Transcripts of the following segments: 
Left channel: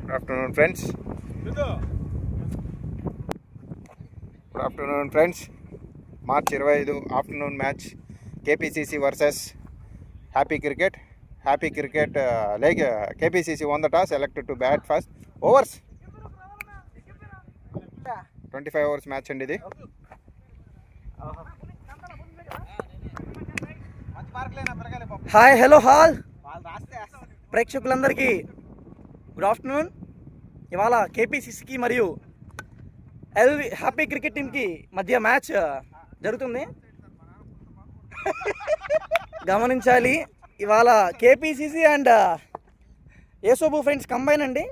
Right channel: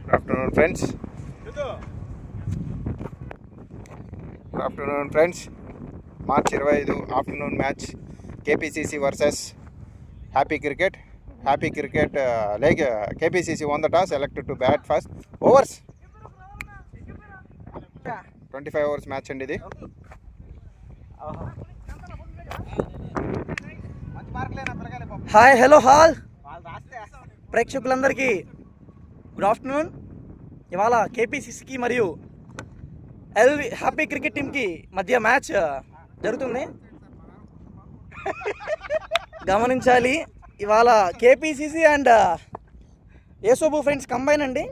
Good afternoon friends. March 25 afternoon match KPCC versus happy cricket. like KPCC won the toss, elected to bat first. Overs 25 overs match అండి ఇది. Hi hello hall ప్రేక్షకులందరికీ good afternoon. ఇవాళ KPCCకి మరియు happy cricket టీమ్కి మధ్య match జరుగుతుంది, గమనించాలి. ఇవాళ KPCC and Yesobu friends combine అండి.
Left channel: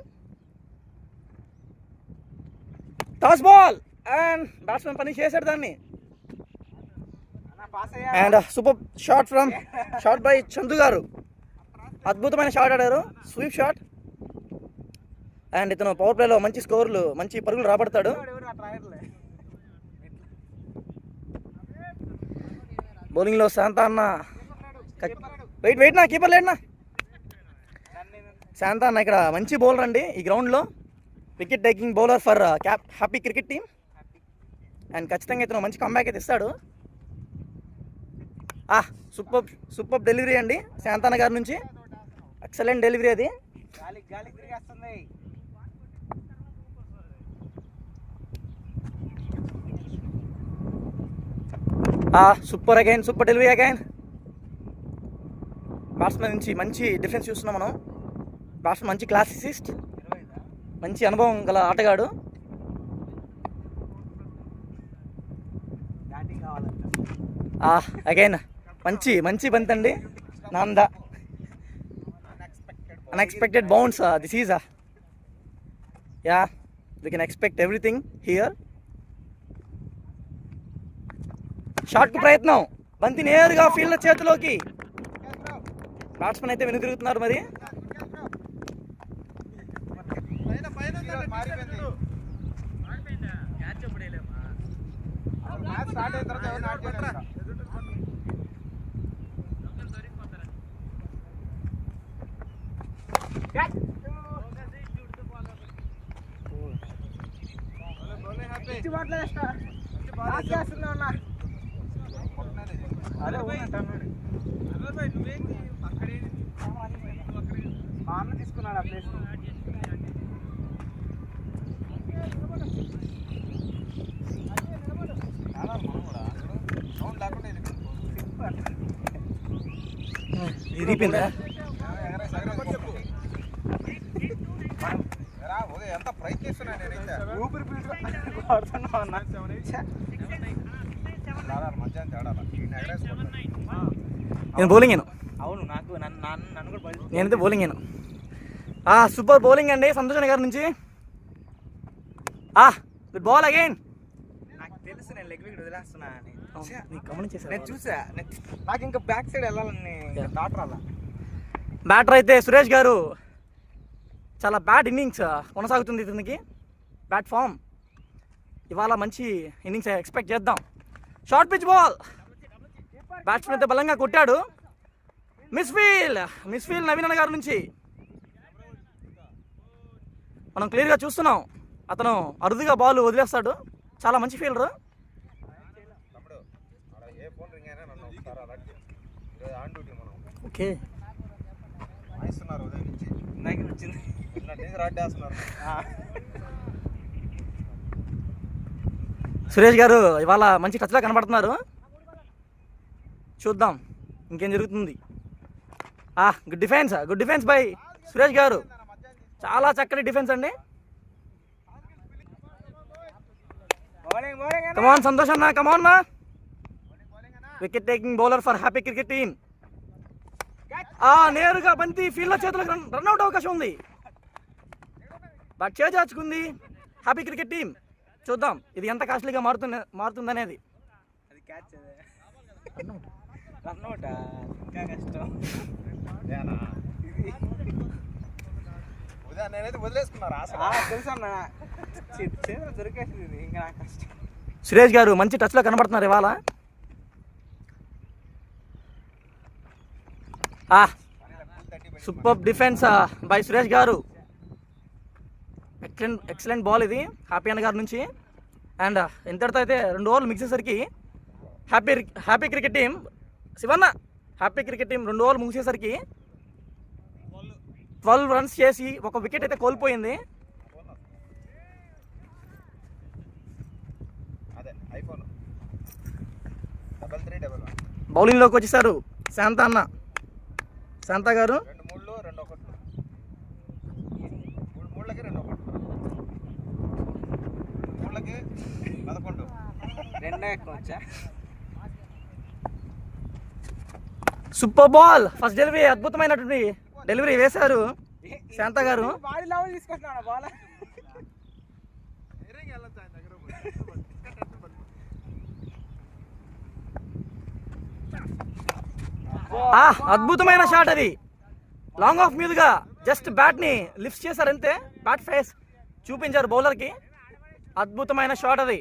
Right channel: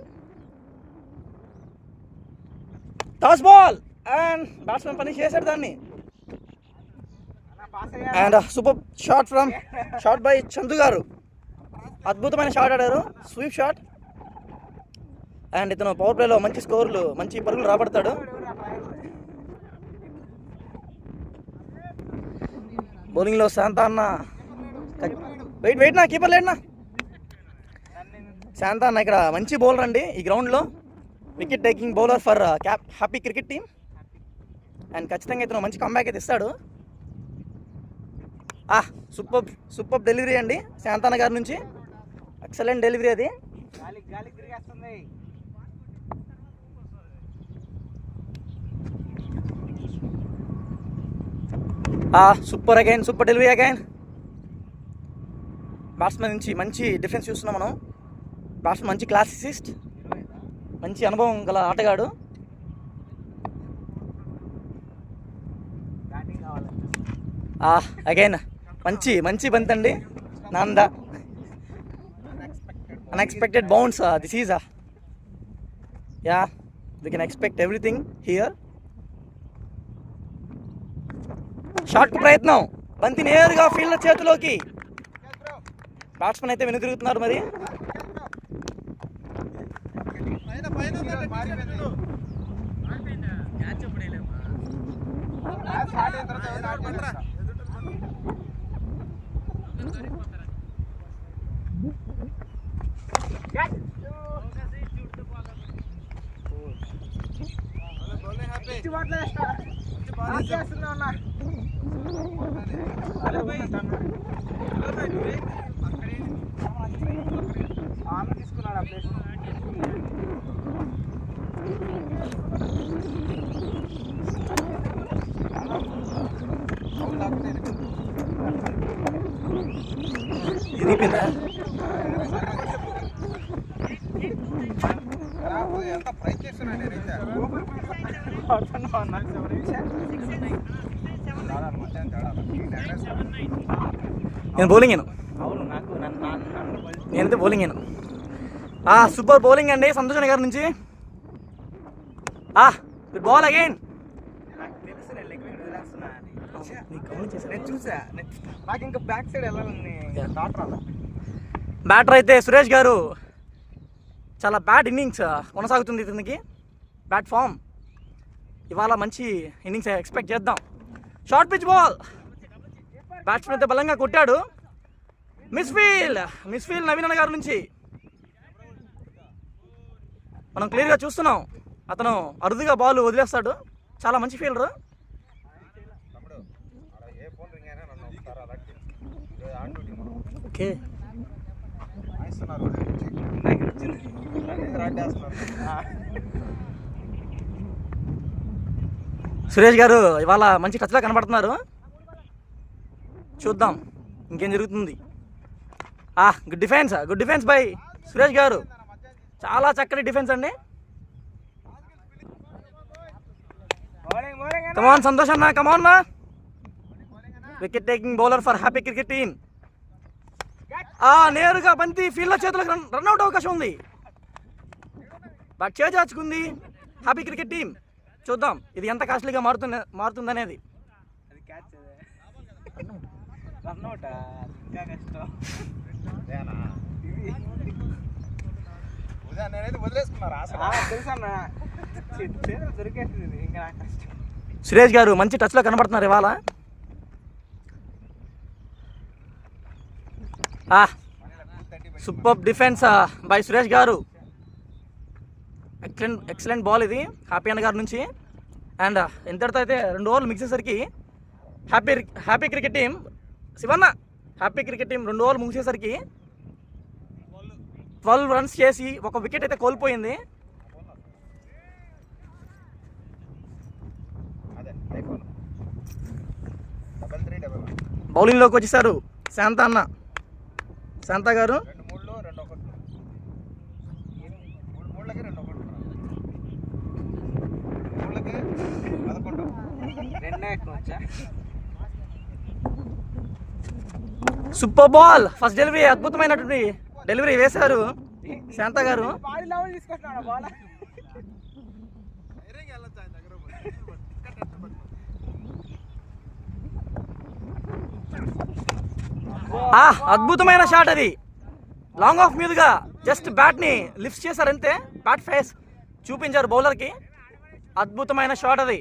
టాస్ బాల్ అండ్ బ్యాట్స్మెన్ పని చేశాడు దాన్ని. And super shot by Chandu గారు, అద్భుతమైన షాట్ ఆడారు, స్వీప్ షాట్. అండ్ ఇతను పవర్ ప్లేలో మంచి స్కోర్లు, మంచి పరుగులు రాబడతాడు. బౌలింగ్లో శాంతా అన్న, వెయిట్ నా కీపర్ లేడనా. శాంతా అన్న ఇక్కడ మంచి బౌలర్ అండి ఈ గ్రౌండ్లో, wicket taking bowler for happy cricket team. And ఖచ్చితంగా ఇతను మంచి కంబ్యాక్ అయితే ఇస్తాడు. సూపర్ డెలివరీ అండి శాంతాన్న గారి నుంచి, ఎక్సలెంట్ డెలివరీ అది. Super delivery again. బ్యాట్స్మెన్ నుంచి మంచి డిఫెన్స్ చూస్తున్నాం మనం. బ్యాట్స్మెన్ మంచి క్లాసిసిస్ట్, మంచి అనుభవం గల ఆటగాడు. అగైన్ మంచి బంత్ అండి. నాందా unexpected bounce. This is we can expect everything here. Shot కు ప్రయత్నం, బంతి నేరుగా ఫీల్డర్ చేతిలోకి. బ్యాట్స్మెన్ అయితే వెనుదిరుగుతున్నారు మరి. తీసుకున్నాడు ఆ ప్లేస్. ఇరిపోయిందా? నేను బౌలింగ్ నేనైతే బౌలింగ్ సూపర్ బౌలింగ్ అండి సంతోష్ గారి నుంచి. Good ball again. బ్యాటర్ అయితే సురేష్ గారు, చాలా బ్యాడ్ ఇన్నింగ్స్ కొనసాగుతుంది ఇతనికి, బ్యాట్ ఫామ్. ఇవాళ మంచి ఇన్నింగ్స్ ఎక్స్పెక్ట్ చేద్దాం. షార్ట్ పిచ్ బాల్, బ్యాట్స్మెన్ అయితే బలంగా కొట్టాడు. మిస్ ఫీల్డ్ నవీన్ అన్న గారి నుంచి మనం క్లియర్గా చూస్తున్నాం. అతను అరుదుగా బాల్ వదిలేస్తాడు, చాలా మంచి ఫీల్డర్. ఓకే, సురేష్ గారు ఇవాళ మంచి టచ్లా కనబడుతున్నారు. చూద్దాం ఇంకేం జరుగుతుంది. గుడ్ డిఫెన్స్ బై సురేష్ గారు, చాలా చక్కటి డిఫెన్స్ అండి. కమాన్ సంతోష్ అన్న, come on. Wicket taking bowler for happy cricket team. నేరుగా బంతి ఫీల్డర్ చేతులకు రన్అట్ అవకాశం ఉంది. బట్ చేజార్చుకుంది హ్యాపీ క్రికెట్ టీం. చూద్దాం ఇది ఎంత కాస్ట్లీగా మారుతుందనేది. సురేష్ గారు మంచి టచ్లో కనబడుతున్నారు ఇవాళ. సూపర్ డిఫెన్స్ బై సురేష్ గారు. ఎక్సలెంట్ బాల్ ఇది హ్యాపీ అన్న గారి నుంచి. అండ్ ఇంతటితో అయితే 2 ఓవర్లు ముగిసేసరికి happy cricket team Shivanna happy cricket team 2 ఓవర్లు ముగిసేసరికి 12 రన్స్ చేసి 1 వికెట్ అయితే కోల్పోయింది. బౌలింగ్లోకి వచ్చేసారు శాంత గారు. సూపర్ బాల్, ఫస్ట్ డెలివరీ, అద్భుతమైనటువంటి డెలివరీ వేశారు శాంత గారు. అద్భుతమైన షాట్ అది, లాంగ్ ఆఫ్ మీదుగా జస్ట్ బ్యాట్ని లిఫ్ట్ చేశారంతే, బ్యాట్ ఫేస్ చూపించారు బౌలర్కి. అద్భుతమైన షాట్ అది.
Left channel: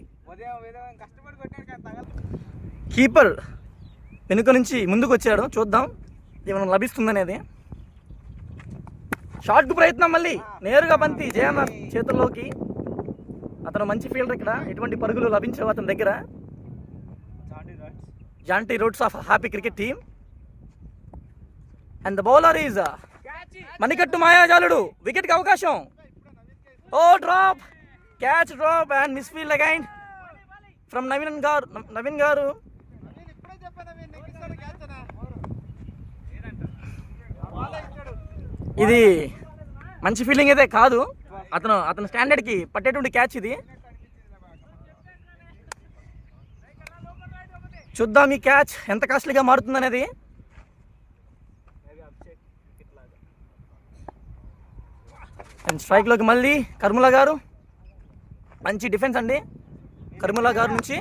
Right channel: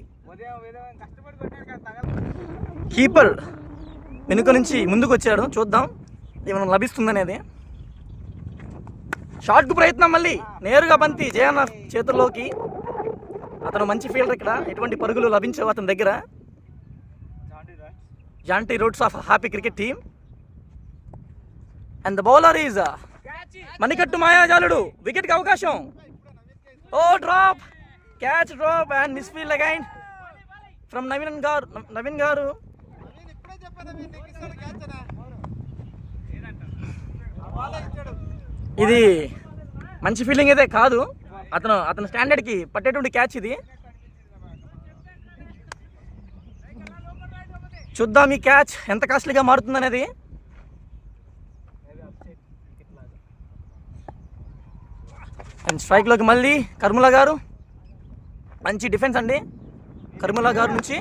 కీపర్ వెనుక నుంచి ముందుకు వచ్చాడు, చూద్దాం ఏమైనా లభిస్తుందనేది. షాట్కు ప్రయత్నం, మళ్ళీ నేరుగా బంతి జయన్న చేతుల్లోకి. అతను మంచి ఫీల్డర్, ఇక్కడ ఎటువంటి పరుగులు లభించవు అతని దగ్గర. Jonty Rhodes of happy cricket team. And the bowler is మణికట్టు మాయాజాలుడు. వికెట్కి అవకాశం. Oh drop, catch drop and miss field again from Naveen garu. ఇది మంచి ఫీలింగ్ అయితే కాదు, అతను స్టాండర్డ్కి పట్టేటువంటి క్యాచ్ ఇది. చూద్దాం ఈ క్యాచ్ ఎంత కాస్ట్లీగా మారుతుందనేది. అండ్ స్ట్రైక్లోకి మళ్ళీ కర్ముల గారు. మంచి డిఫెన్స్ అండి కర్ముల గారి నుంచి.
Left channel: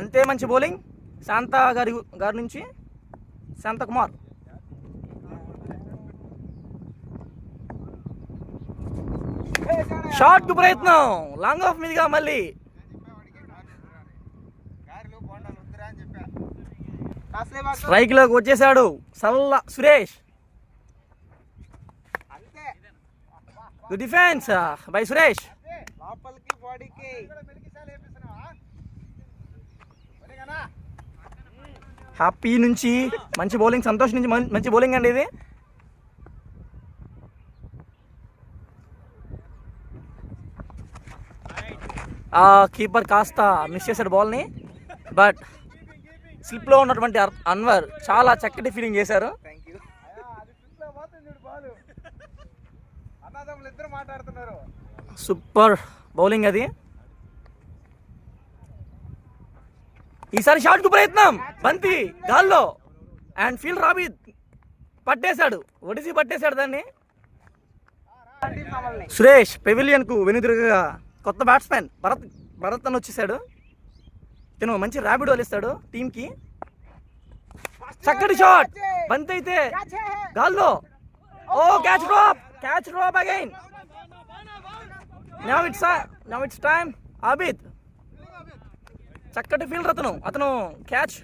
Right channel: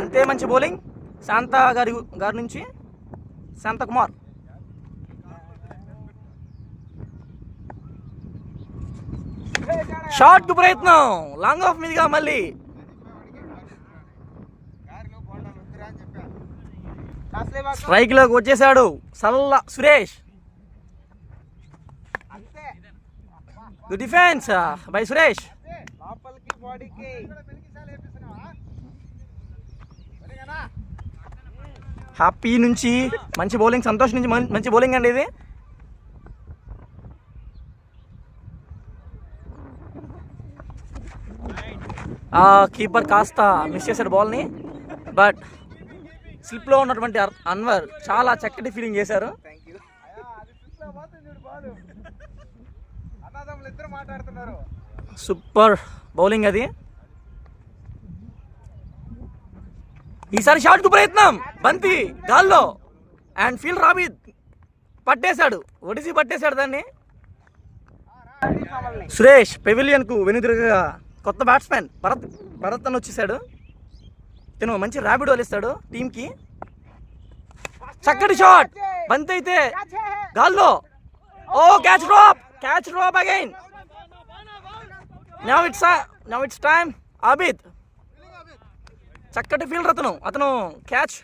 అంతే మంచి బౌలింగ్ శాంత గారి నుంచి. శాంతకుమార్ షార్ట్ ప్రయత్నం, లాంగ్ ఆఫ్ మీదుగా మళ్ళీ. స్ట్రైక్ లోకి వచ్చేసాడు Salla Suresh. Good defence by Suresh. Happy నుంచి మంచి బౌలింగ్, సంతోష్ నుంచి మంచి బౌలింగ్ అండి ఇది. కీపర్ కాస్త మిస్ చేశాడు బాల్ని, బట్ స్లిప్లో ఉన్నటువంటి అన్వర్ చాలా చక్కటి ఫీలింగ్ చేశారు. సూపర్ బౌలింగ్ అది. ఈసారి షాట్కు ప్రయత్నం, బంతి గాల్లో అండ్ ఫీల్డ్ రాబిద్ పట్టేశాడు, ఒడిసి పట్టేశాడు దాన్ని. సురేష్ పెవిలియన్కు వెనుదిరుగా కొత్త బ్యాట్స్మెన్ భరత్ అని వచ్చేసాడు. తను మంచి ర్యాపిడ్ వలిస్తాడు టీంకి. చక్కటి షాట్, బంతి అయితే గాల్లో. Oh catch drop again. Now it's time Abid. చక్కటి ఫీల్డర్ అతను క్యాచ్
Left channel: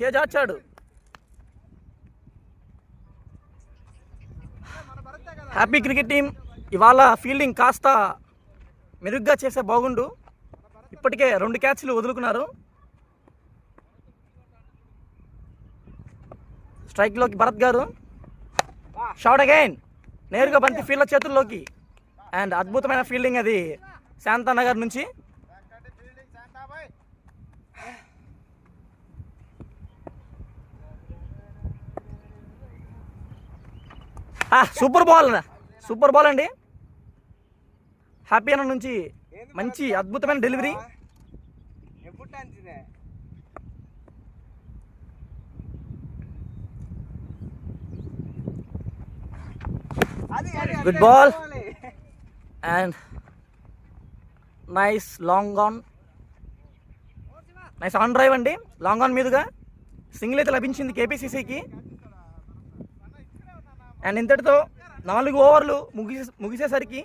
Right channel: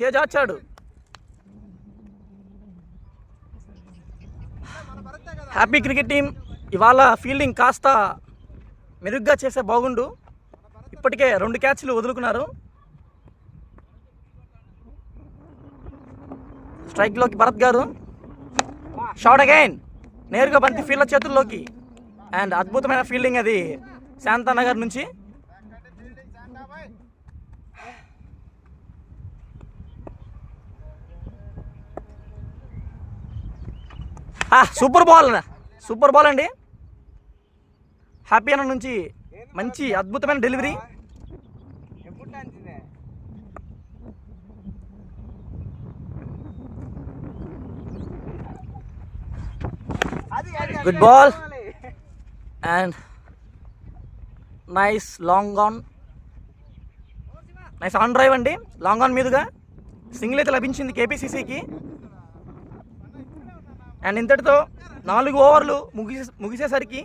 చేజార్చాడు. హ్యాపీ క్రికెట్ టీం ఇవాళ ఫీల్డింగ్ కాస్త మెరుగ్గా చేస్తే బాగుండు. ఇప్పటికే 2 క్యాచ్లు వదులుకున్నారు. స్ట్రైక్లోకి భరత్ గారు. షాట్ అగైన్, నేరుగా బంతి ఫీల్డర్ చేతుల్లోకి. అండ్ అద్భుతమైన ఫీల్డింగ్ అది శాంతానగర్ నుంచి. సూపర్ బాల్ అండి హ్యాపీ అన్న నుంచి. మంచి అద్భుతమైన delivery. Good ball and nice long on, nice on drive అండి. లాంగ్ ఆన్ మీదుగా సింగిల్ అయితే లభించింది కేపీసీసీకి. అండ్ ఇంతటితో 4 ఓవర్లు ముగిసేసరికి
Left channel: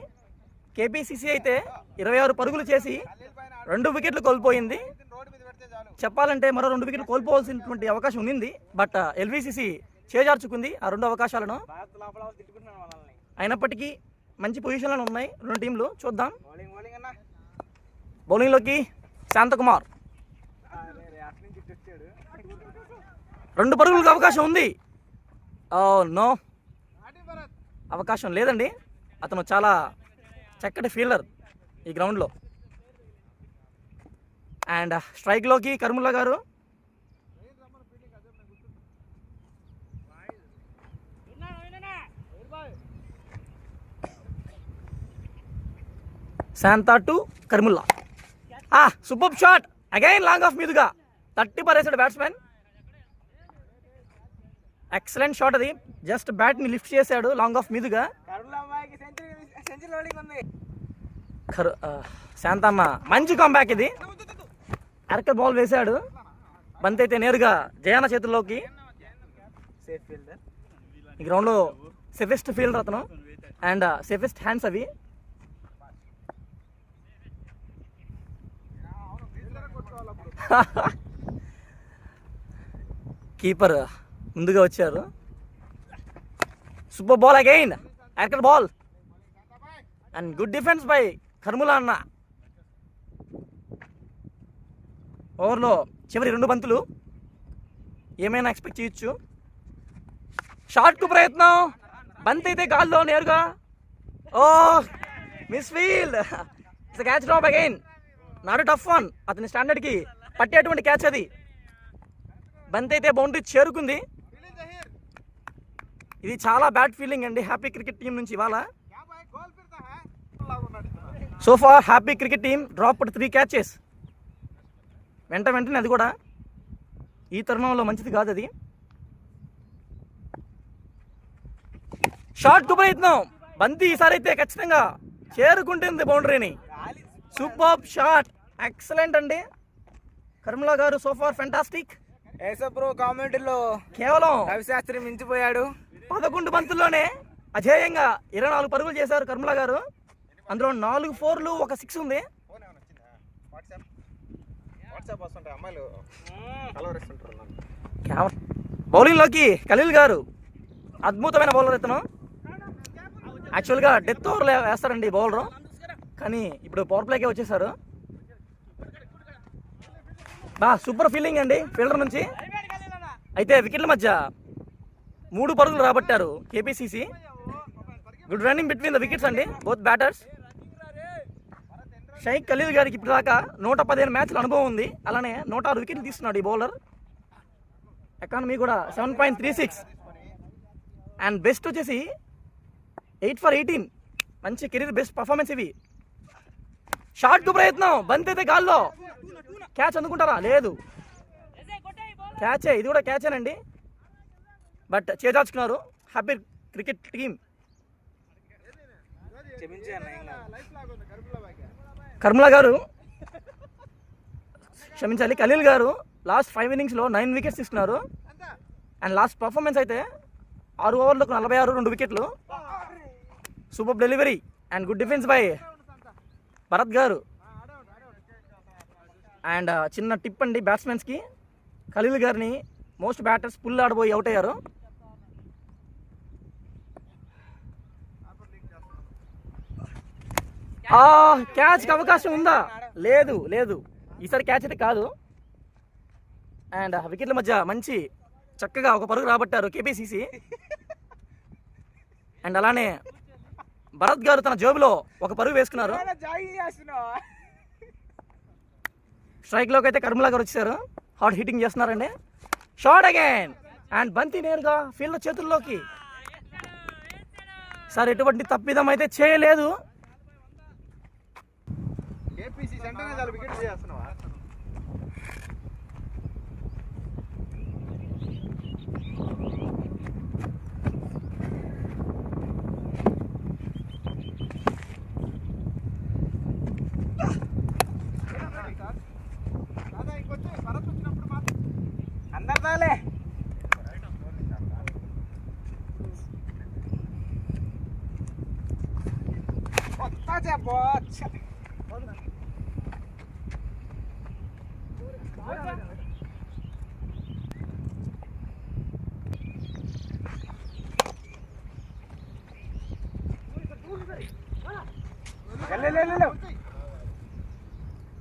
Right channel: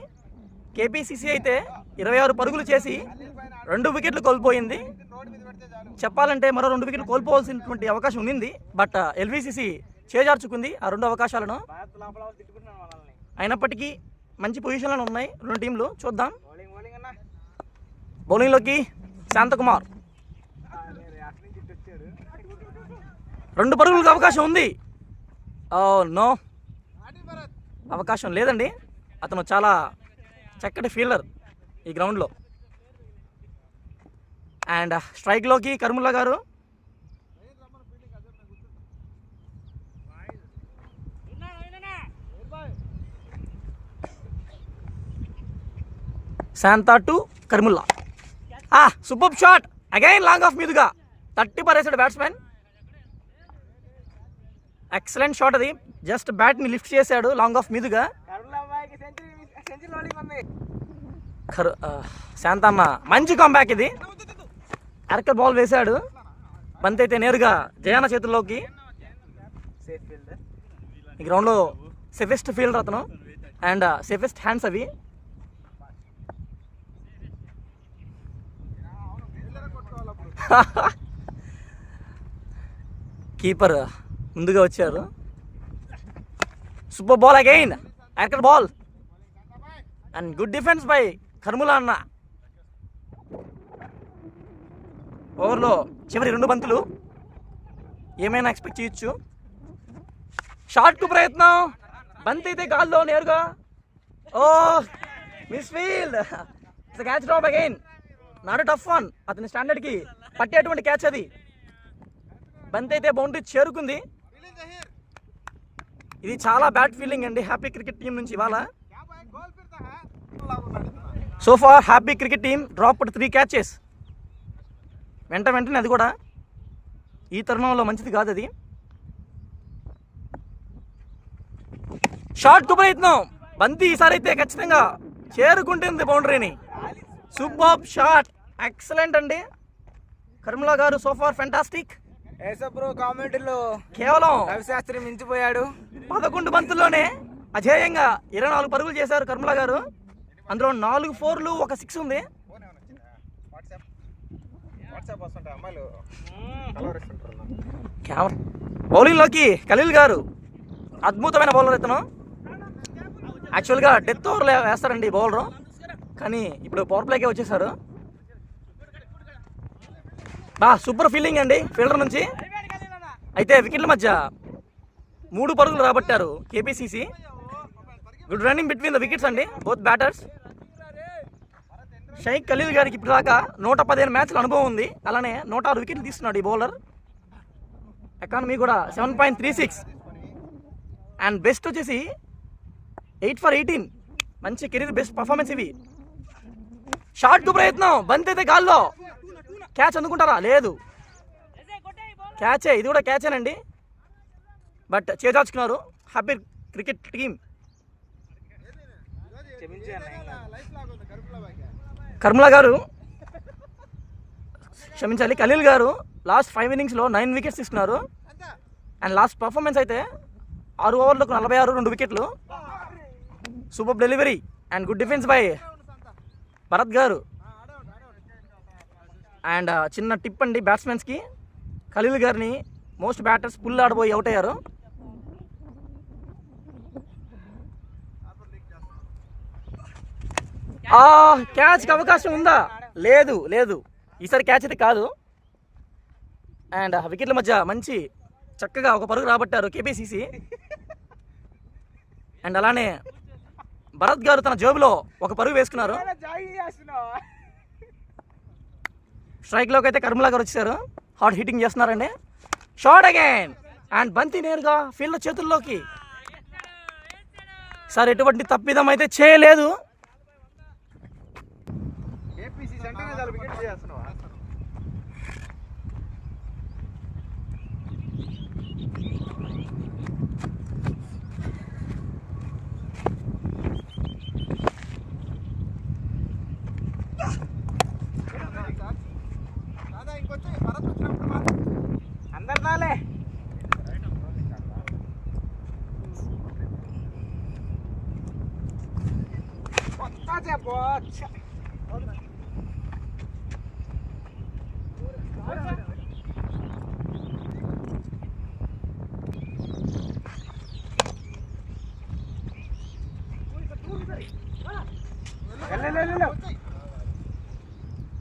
కేపీసీసీ అయితే 26 పరుగులు చేసి 2 వికెట్లు కోల్పోయింది. చెప్పాలంటే మరో 2 వికెట్లు కోల్పోవాల్సినటువంటి అవకాశం ఉంది, బట్ ఎల్వీసీసీ చేజార్చుకుంది ఆ 2 అవకాశాలను. అయినప్పటికీ మంచి పొజిషన్లో ఉన్నాయి రెండు టీంలు. చూద్దాం. బౌలింగ్లోకి శాంతకుమార్. 2 పరుగులకు అవకాశం ఉంది. నో, అవకాశం లేదండి. అతను చాలా చక్కటి ఫీల్డర్ ఈ గ్రౌండ్లో. అండ్ స్ట్రైక్లోకి Karmulla garu. Shanta to Karmulla. Super shot again long off మీదుగా 30 పరేసాడు బ్యాట్స్మెన్. ఎక్సలెంట్ షాట్ అది. జస్ట్ బ్యాట్ని లిఫ్ట్ చేశాడు లాంగ్ ఆఫ్ మీదుగా. శాంతన్న మంచి కాంబ్యాక్ ఇది. అరక బాల్ వేశాడు. బంతి అయితే నేరుగా జయాన చేతుల్లోకి. ఈ గ్రౌండ్లో సేఫెస్ట్ ఫీల్డర్ అతను అండ్ సేఫెస్ట్ హ్యాండ్స్ అవి. కీపర్ ముందుగా వచ్చారు. Super ball again, actor ball and good defence by Karmula anna. ఓవర్లో చివరి 2 బంతులు ఏమైనా ఎక్స్పెక్ట్ చేయొచ్చు. షాట్కు ప్రయత్నం, బంతి అయితే గాల్లో నేరుగా. Miss field. It's catch drop again. Not tough one. అతని స్టాండర్డ్కి పట్టేటువంటి క్యాచ్ అది. బంతి అయితే బౌండరీ చేరుకుంది. ఇది చాలా బ్యాడ్ ఫీలింగ్ అండి హ్యాపీ క్రికెట్ టీం నుంచి ఇవాళ. So far happy cricket team dropped 3 catches. వెంటనే అది కూడా ఈ తరుణంలో మంచిది కాదు అది. షాట్ కు ప్రయత్నం, బంతి ఈసారి అయితే ఖచ్చితంగా చేరుకుంటుంది బౌండరీని. సూపర్ షాట్, ఎక్సలెంట్ అండి కర్ములా గారు. So far fantastic. కామెంట్లో కేవలం రవిశాస్త్రి మించిపోయాడు. 11 బంతుల్లోనే అజేయంగా 24 పరుగులు చేశారు కర్ములా గారు. అందులో 4 4లు 1 6 ఉంది. బౌలింగ్లోకి ఖలీల్ గారు. అద్భుతమైన బౌలర్ ఇతను. యాక్చువల్గా డెత్ ఓవర్లో వేస్తారండి బౌలరు, కానీ ఇప్పుడు పవర్ ప్లేకే వచ్చేసారు. సూపర్ ఫీల్డింగ్ అండి ఫీల్డర్ నుంచి. అయితే వికెట్ల మధ్య 3 పరుగులు రాబట్టారు KPCC. Good running between the wickets అండి బోత్ బ్యాటర్స్. షేక్ ఖలీల్ గారికి ఇప్పుడు దాకా 115 మ్యాచ్ల అనుభవం ఉంది. అలానే 106 వికెట్లు తీస్తున్నాడు ఈ బౌలర్. ఎకానమీ కూడా 7.36 అండ్ బెస్ట్ వచ్చేసి 8 for 18. మంచి కెరీర్ బెస్ట్ పర్ఫార్మెన్స్ ఇవి. షాట్ కు ప్రయత్నం, బంతి అయితే గాల్లో. క్యాచ్ అందుకుంటారా? లేదు, క్యాచే. ఇది కూడా క్యాచేనండి, బట్ చేదాచుకున్నారు హ్యాపీ క్రికెట్ టీం. కర్ములా గారు క్షమించాలి, ఖలీల్ గారు లాస్ట్ 5 innings 9 వికెట్స్ తీసుకున్నారు. అండ్ లాస్ట్ పర్ఫార్మెన్స్ అయితే 6 ఓవర్లకు 46 2 వికెట్లు. Super delivery and good defence by Bharat గారు. అండ్ చిన్న టిప్ అండి బ్యాట్స్మెన్స్కి, ఖలీల్ గారిని మోస్ట్ బ్యాటర్స్ పుల్ ఆడబోయి అవుట్ అయ్యారు. క్యాచ్కి అవకాశం ఉందా? లేదు లేదు, ఈసారి క్యాచ్ అయితే కాదు. అండ్ వికెట్ల మధ్య మంచి చక్కగా 1 పరుగు రాబట్టారు కేపీసీసీ. అండ్ అలానే భరత్ గారు తన జేబులో 1 పరుగు వేసుకున్నారు. స్ట్రైక్లోకి అయితే కర్ములా గారు వచ్చారు, హార్డ్ హిట్టింగ్ చేస్తున్నారండి. షాట్ అగైన్ అండ్ బంతి నేరుగా ఫీల్డ్ చేతుల్లోకి. సార్ ఎటువంటి తప్పిదం అయితే చేయలేదు.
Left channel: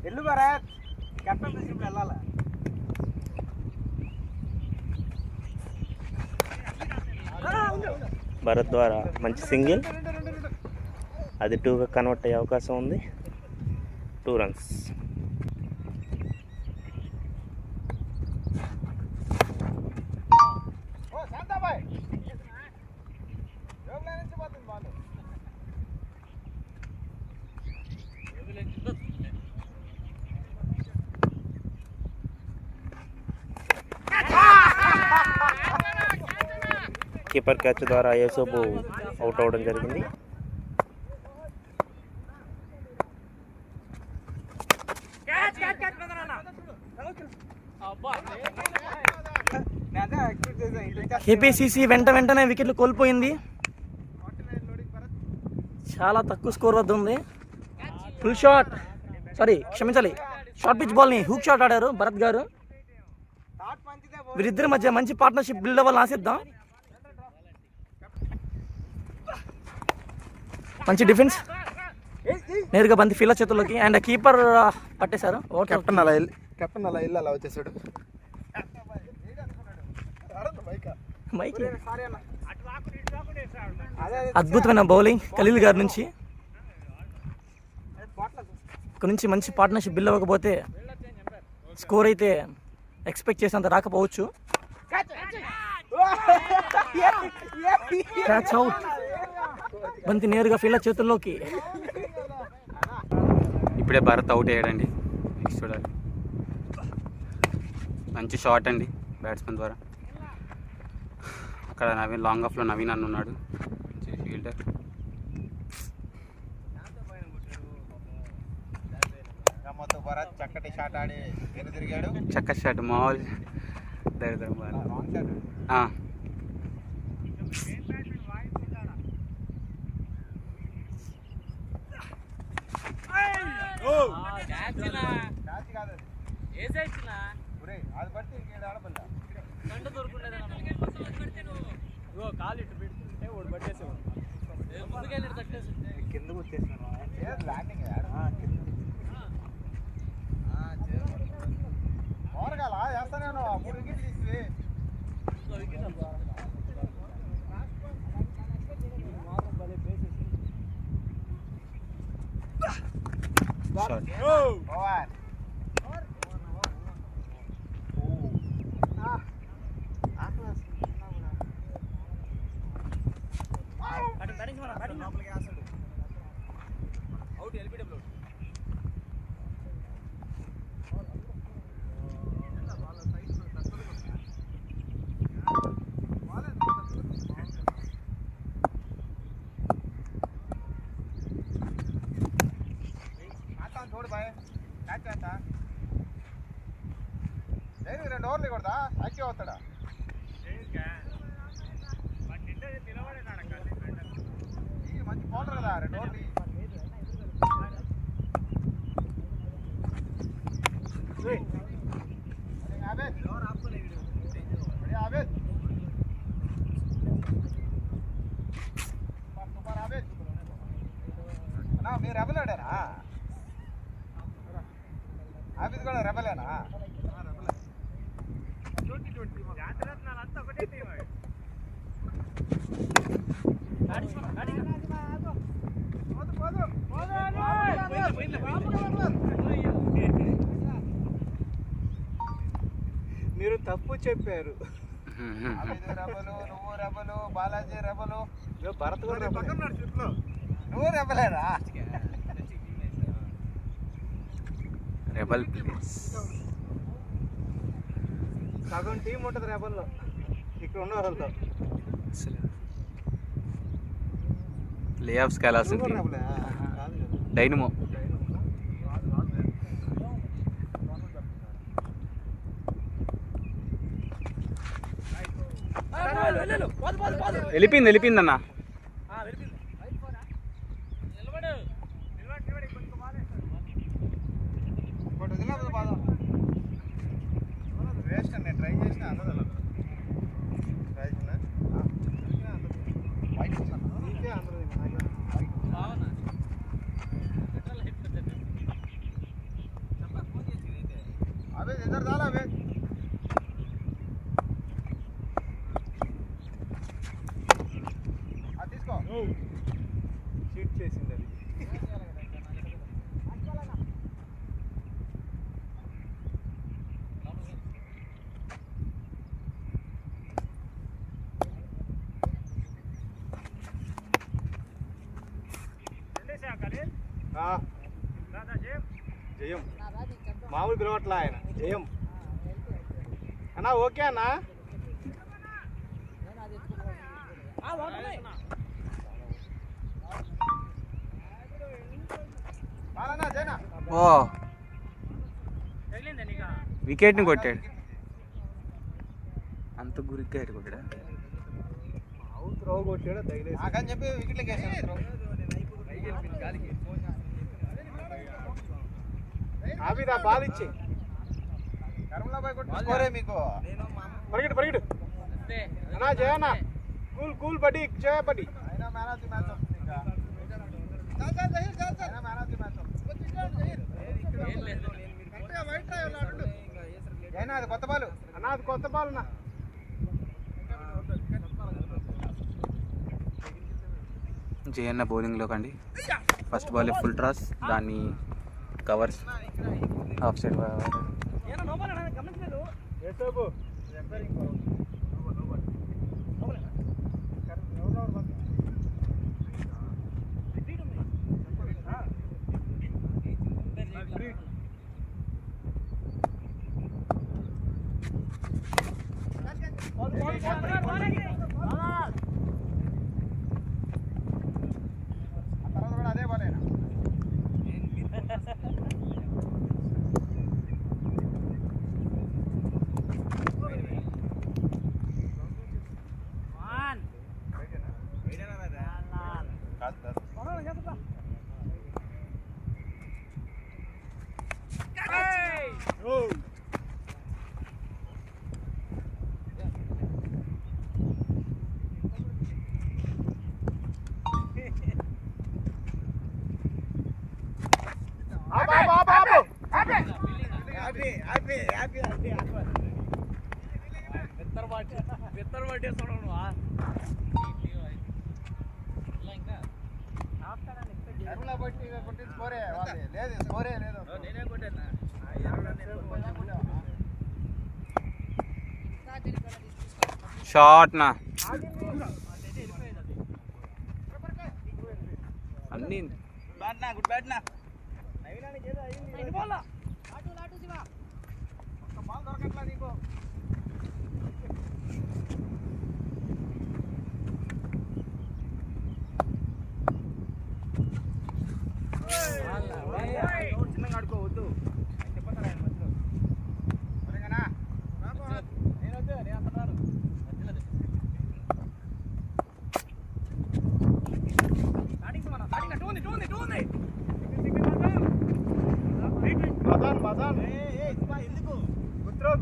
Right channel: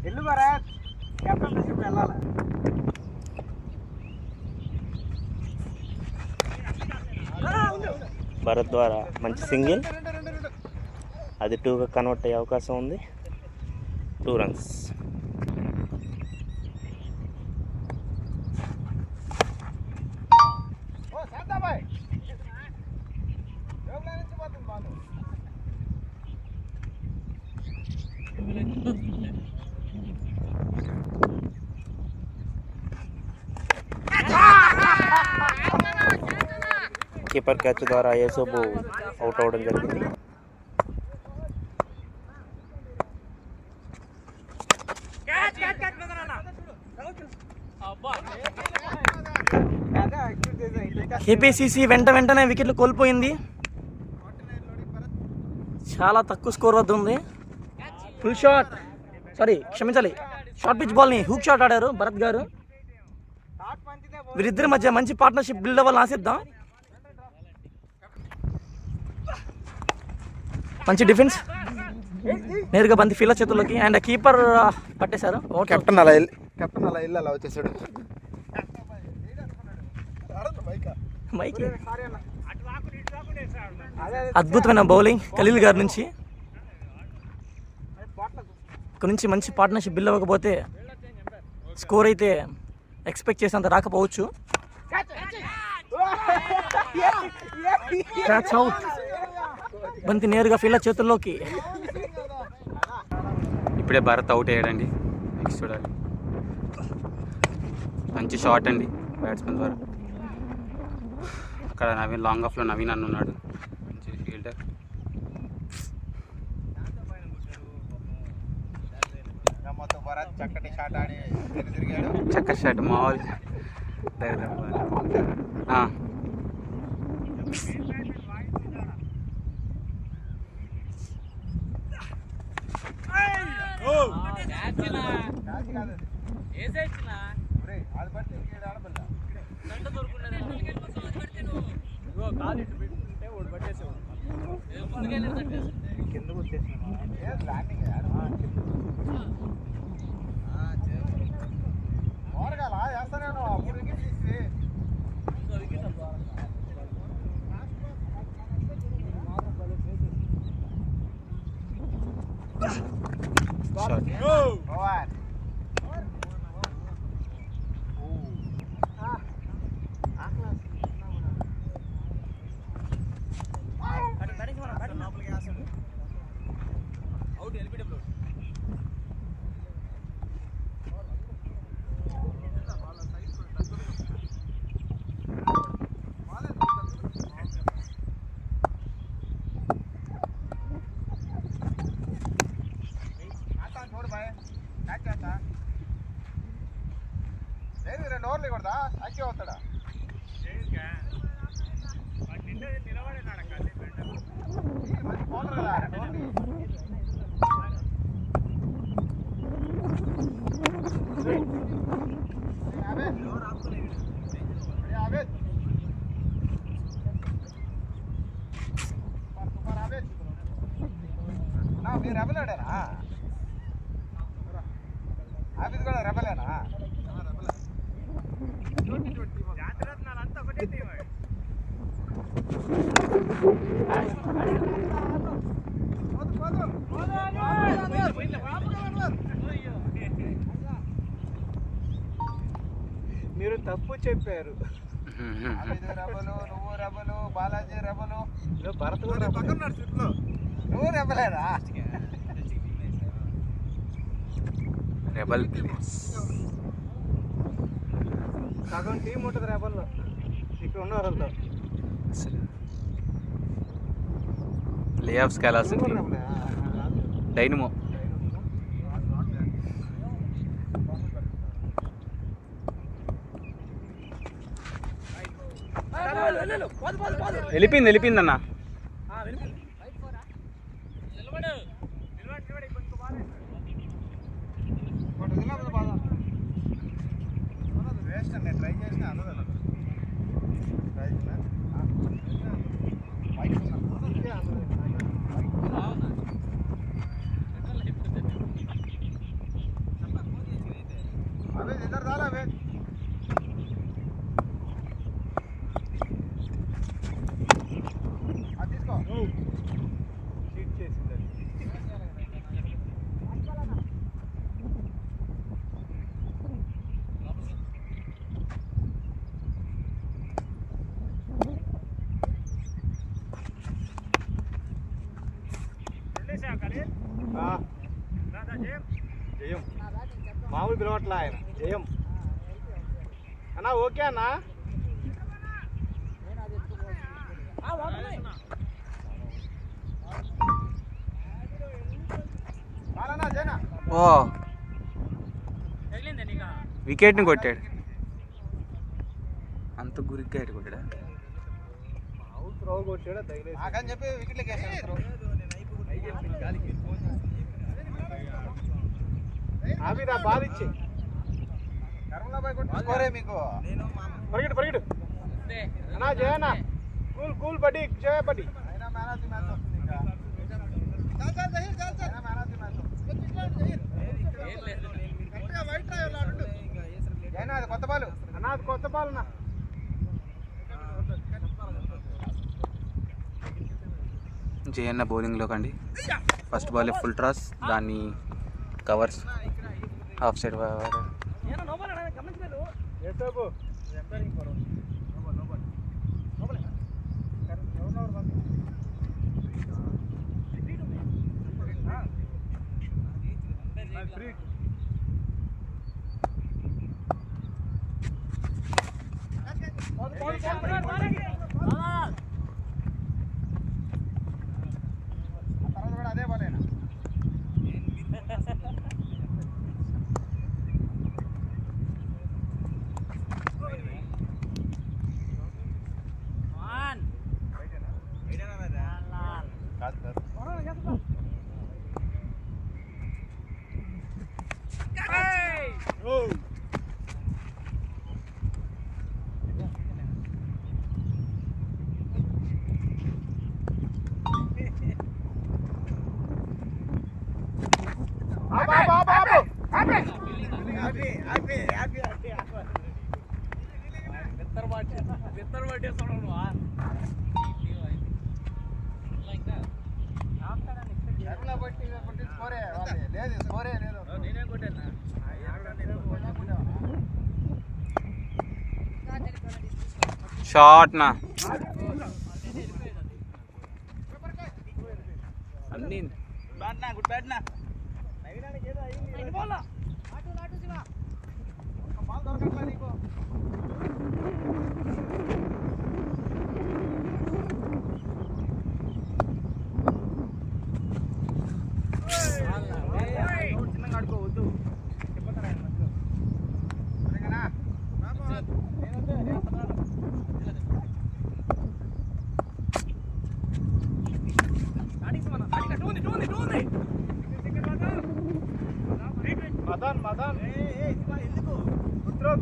ఎల్లు భరత్ కెప్టెన్ వెళ్ళాలి. భరత్ ద్వారా మంచి సింగిల్, అది 2గా కన్వర్ట్ అయ్యే అవకాశం ఉంది. 2 రన్స్. కీపర్ క్యాచ్ ద్వారా యేసోబు అవుట్ అవ్వడం జరిగింది. కేపీసీసీ వెంటనే వికెట్లు కోల్పోయింది. చాలా తక్కువ స్కోర్ వద్ద ఉంది. ఫుల్ షాట్, క్షమించాలి, షార్ట్ పిచ్ బాల్ని హూక్ షాట్ ఆడారు భరత్ గారు. వీరిద్దరి మధ్య మంచి పార్ట్నర్షిప్ బిల్డ్ అవ్వాలని ఆశిద్దాం. మంచి డిఫెన్స్, నేరుగా బంతి ఫీల్డర్ చేతుల్లోకి, అండ్ కీపర్ పట్టేశారు. కెప్టెన్ అలా వెళ్ళి అలా వచ్చేసాడు. మైకి అద్భుతమైన బౌలింగ్ ఖలీల్ గారి నుంచి. ఇక్కడ నుంచి మంచి పార్ట్నర్షిప్ బిల్డ్ అవ్వకపోతే స్కోర్ అయితే ఎక్స్పెక్ట్ చేసినంత రాకపోవచ్చు. క్యాచ్ అవుట్, బంతి నేరుగా ఫీల్డర్ చేతుల్లోకి. ఇప్పుడే భరత్ అవుట్ అయ్యాడండి. నెక్స్ట్ చూడాలి. మంచి షాట్ అండి బ్యాట్స్మెన్ ద్వారా. అక్కడ నవీన్, లాంగ్ ఆఫ్లో నవీన్ అన్న ఉన్నాడు, మంచి ఫీల్డర్. చక్కటి షాట్ మామూలు. మీరు తప్పు చెప్పారు. బాలాజీ రెబలు, భరత్ కూడా నువ్వు రెబలేరా? రెబల్ ప్లేస్ సగం టీం ఉంటుంది రెబల్లో. ఇక్కడ ఉన్న వాళ్ళతో ప్లే ఆఫ్స్కి వెళ్ళాల్సింది డైనమో. వెళ్ళిపోయిందన్న. చీట్ చేసింది అది. జయం మామూలు పిలవట్లా ఆయన జయం అన్నా. ఓకే అన్నా. ఓ వికెట్ని కొట్టాడు. అంత గురిగ్గా ఎటు కొట్టాడా? త్రో కొట్టాడు తగిలేసి చెప్పి వికెట్లకి అభిరా బాల్ ఇచ్చి పరిగెడు పరిగెడు అన్నా. జయనా కూల్ కూల్ బడ్డీ జయ బడ్డీ. కొత్త బాల్ అన్నా, అది కొత్త బాల్ అన్నా. జయన్న బౌలింగ్లోకి అండి. ఫస్ట్ బాల్ ఫుల్ టాస్, దాన్ని కవర్స్ ఆఫ్ సైడ్. అదే బాల్ షార్ట్ నా అన్ని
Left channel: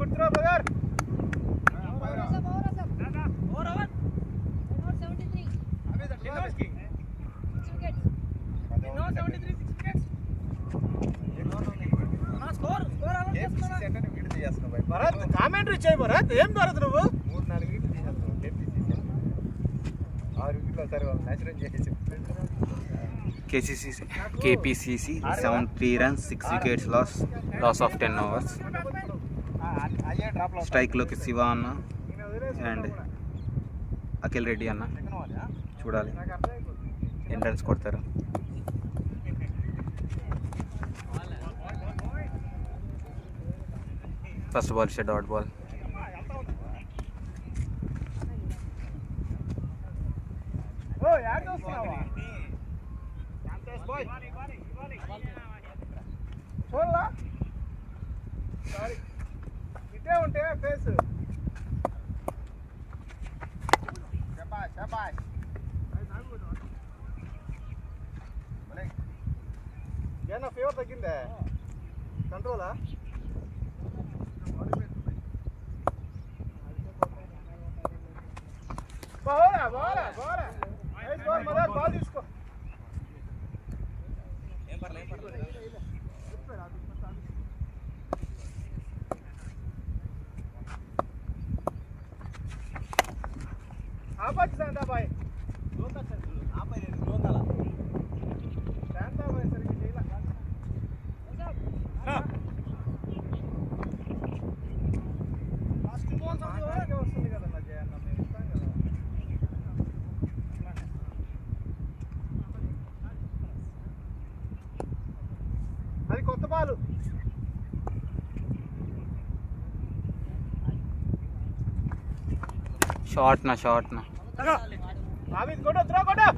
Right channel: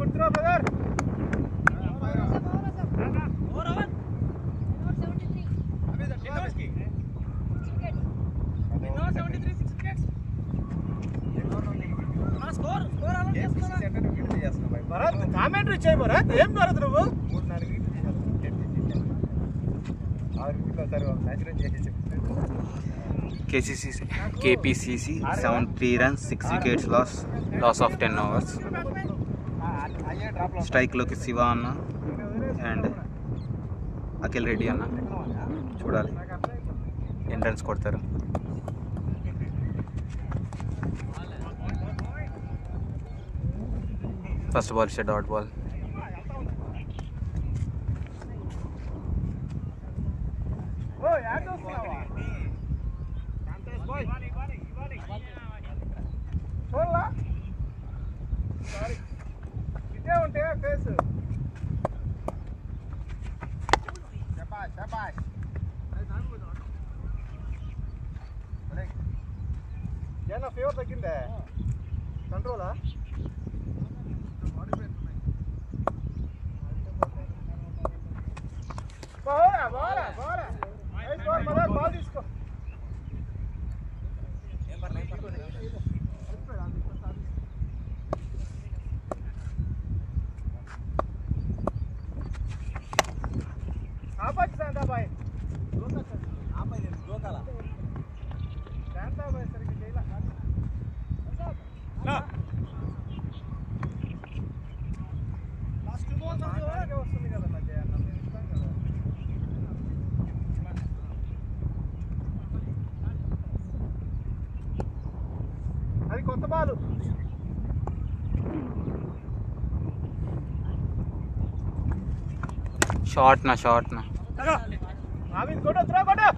గుర్తురా బ్రదర్. భరత్ కామెంటరీ చేయి భరత్. ఏం భరత్ నువ్వు 3-4 వికెట్లు తీసేస్తావు. 6 వికెట్లు సరే న్యాచురల్ చేసేసి. KPCC 73 runs, 6 wickets loss of 10 overs. స్ట్రైక్లోకి Shiva అన్న అండ్ అఖిల్ రెడ్డి అన్న. చూడాలి ఎన్ని రన్స్ కొడతారు. ఫస్ట్ బాల్ ఇచ్చే డాట్ బాల్. ఇదే ఉంటే ఫేస్ ఏమన్నా ఫీవర్ తగ్గిందే? కంట్రోలా? బాల్ తీసుకో. కొత్త బాలు షార్ట్ నా నావిద్ కొట్టు త్రో కొట్టు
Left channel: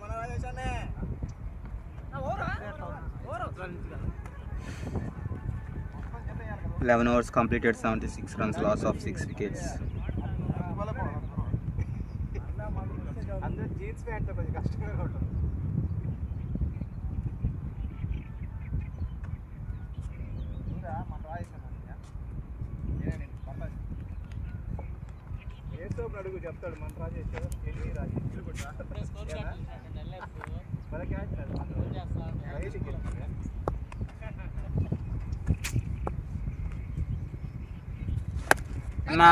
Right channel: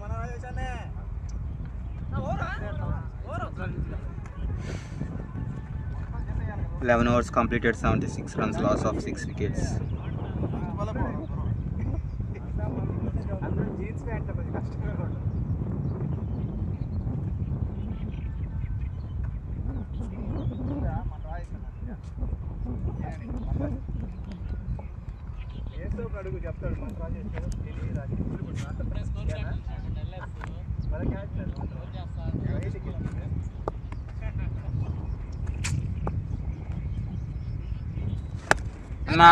మన రాజేశాన్నే 11 overs completed, 76 runs, loss of 6 wickets. అందరూ జీన్స్ ప్యాంట్ కొంచెం కష్టంగా ఉంటుంది ఏదో ఒక అడుగు చెప్తాడు మన రాజేశాడు ఎన్ని నా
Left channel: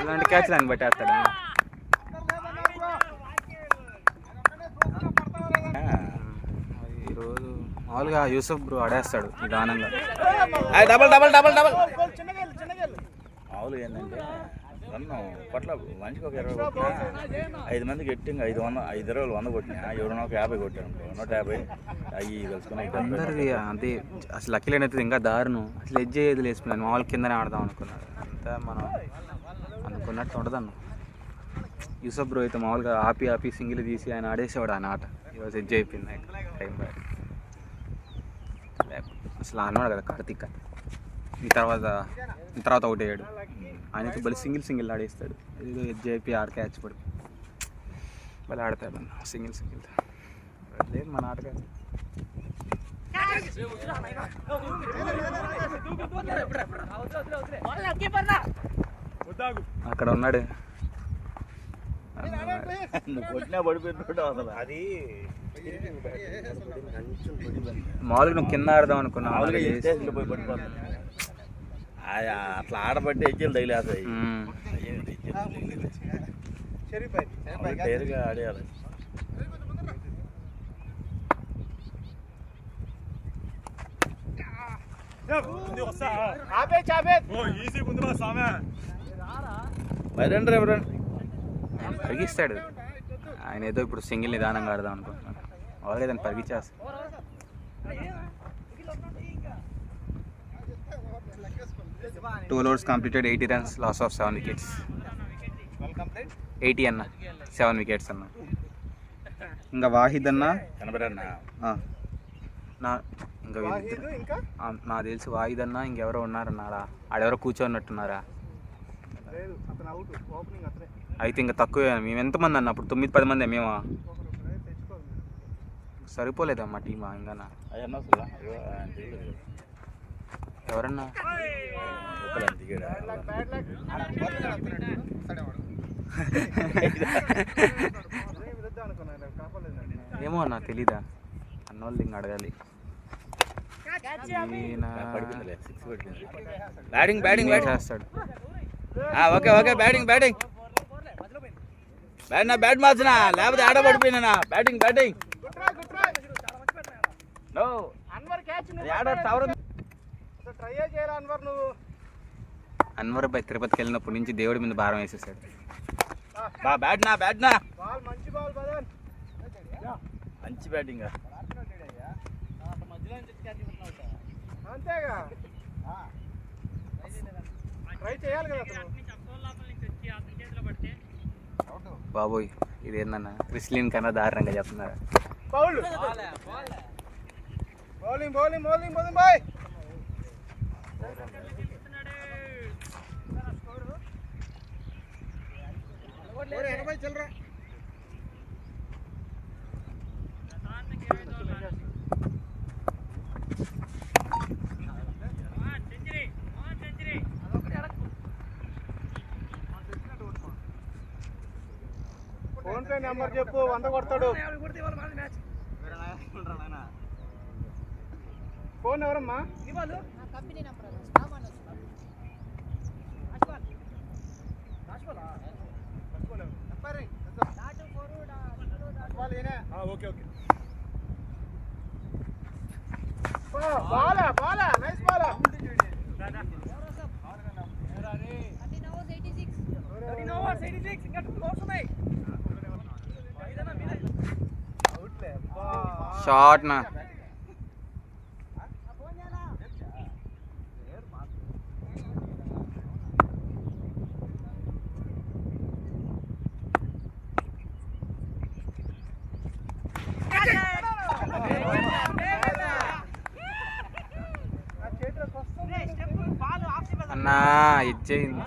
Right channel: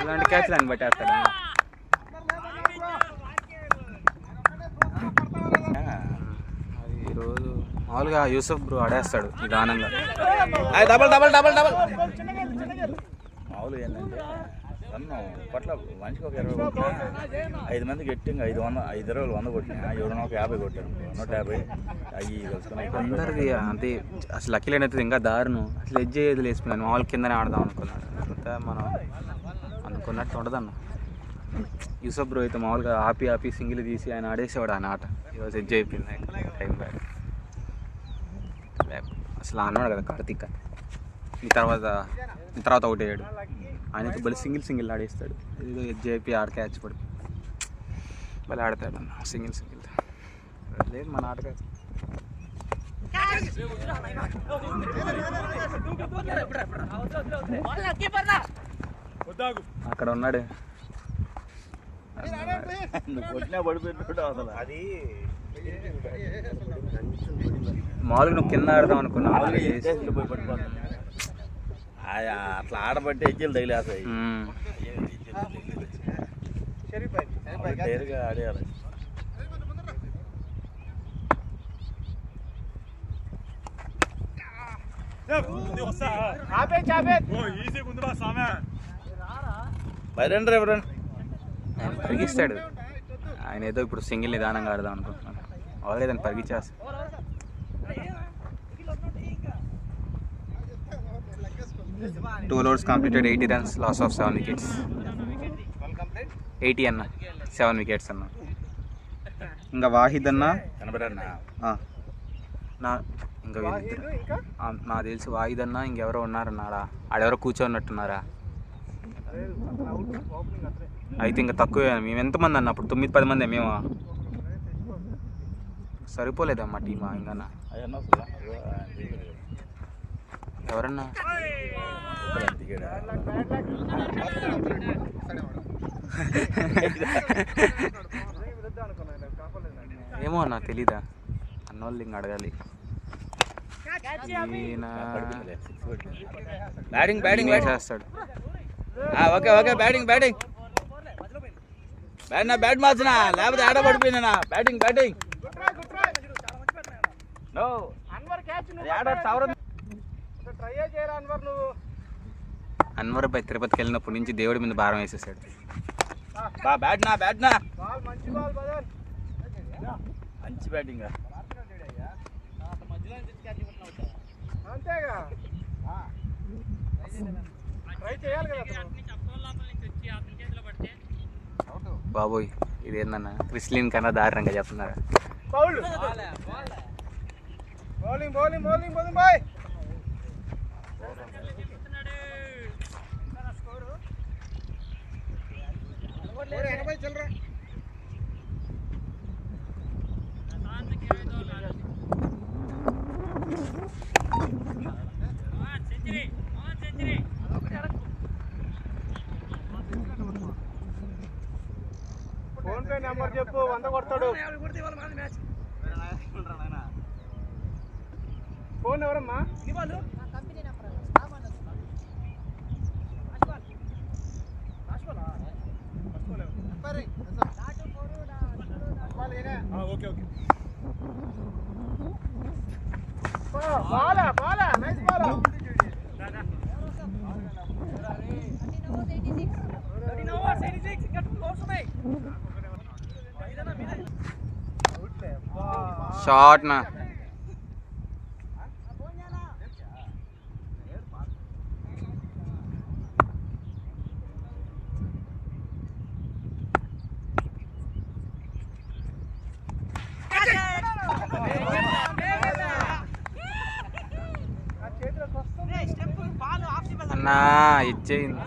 ఇలాంటి క్యాచ్లు అని పట్టేస్తాడా? ఈరోజు మామూలుగా యూసఫ్ బ్రో ఆడేస్తాడు నిదానంగా. డబల్ డబల్ డబల్ డబల్ మామూలుగా ఏంటంటే రన్ను కొట్ల మంచిగా ఒక 20 కొట్టినా 5 మందికి ఎట్టింగ్ 500 100 కొట్టినా 750 కొట్టాను 150 అవి కలుసుకుని అందరిది అంటే అసలు లక్కీలైన అయితే ఇంకా దారుణం. అసలు ఎడ్జ్ అయ్యేది లేసుకున్నాను, మామూలు కిందనే ఆడదాం అనుకున్నాడు. అంతా మనం అనుకున్నట్టు ఉండదన్న. యూసఫ్ బ్రో అయితే మామూలుగా ఆపి సింగిల్ తీసి ఆయన ఆడేసేవాడు ఆయన ఆట. ఈరోజు ఎడ్జ్ అయిపోయింది టైం బ్యాడ్. అసలు అన్నాడు కదా కార్తీక్ ఈ తర్వాత అవుట్ అయ్యాడు. ఆయనతో బలి సింగిల్ ఆడేస్తాడు. ఏదో ఎడ్జ్ అయిపోయి ఆడ క్యాచ్ పడి బలి ఆడతాడు అన్న సింగిల్ లేదు మన ఆట కాదు. అక్కడ ఉన్నాడు మామూలుగా నువ్వు కింద ఆడదాం అనుకున్నావు. అట్లా ఆడబట్టి ఎజ్జలు తగిలేస్తాయి. డైర్గా ఆడేయాలి. పరిగిస్తాడు ఆయన. ఏదో ఇప్పుడు సింగిల్ నిదానంగా ఆడదాం అనుకుంటున్నాను. ఆల్రెడీ దాన్ని పరిగించేస్తాడు. 2 overs completed, 80 runs, loss of 7 wickets. 80 అన్న 7 wickets అన్న. ఇంకా వాహిద్ అన్న ఇంకా నాకు తెలిసి వాహిద్ అన్న ఇంకెవరో ఉన్నారన్నారా? ఆడెవరో కూర్చోన్నట్టున్నారా? అయితే ఇంకా తక్కువే. మేము ఎంతమంది అన్న అప్పుడు? 9-10 మంది మేము. సరిపోలేదమ్మా టీమా ఇంకా ఎవరన్నా? ఏమో అన్న తెలీదా? అన్నోళ్ళు ఇంక అడగాలి. చేస్తాడు. ఓకే బ్యాటింగ్ బ్యాట్ మార్చినా లేకపోతే ఆడ పడిపోయినా. బ్యాటింగ్ అన్వర్ బై తిరుపతికి వెళ్ళినప్పటి నుంచి దేవుడి మీద భారం వేసేసాడు. మంచి బ్యాటింగ్. బాబోయ్ ఇదేందన్నా క్రిస్లిన్ కన్నా దారుణంగా చెప్తున్నారు. ఫోన్ పే నెంబర్ చెప్పు, 100 కొడతాడు. ఫోన్ ఎవరమ్మా? ఇది వాళ్ళు okay okay. Bala Bala nice Bala. 13 overs 86 ఇంకా 2 overs ఉన్నాయి. షార్ట్ నా అన్నా ఇచ్చేయింది.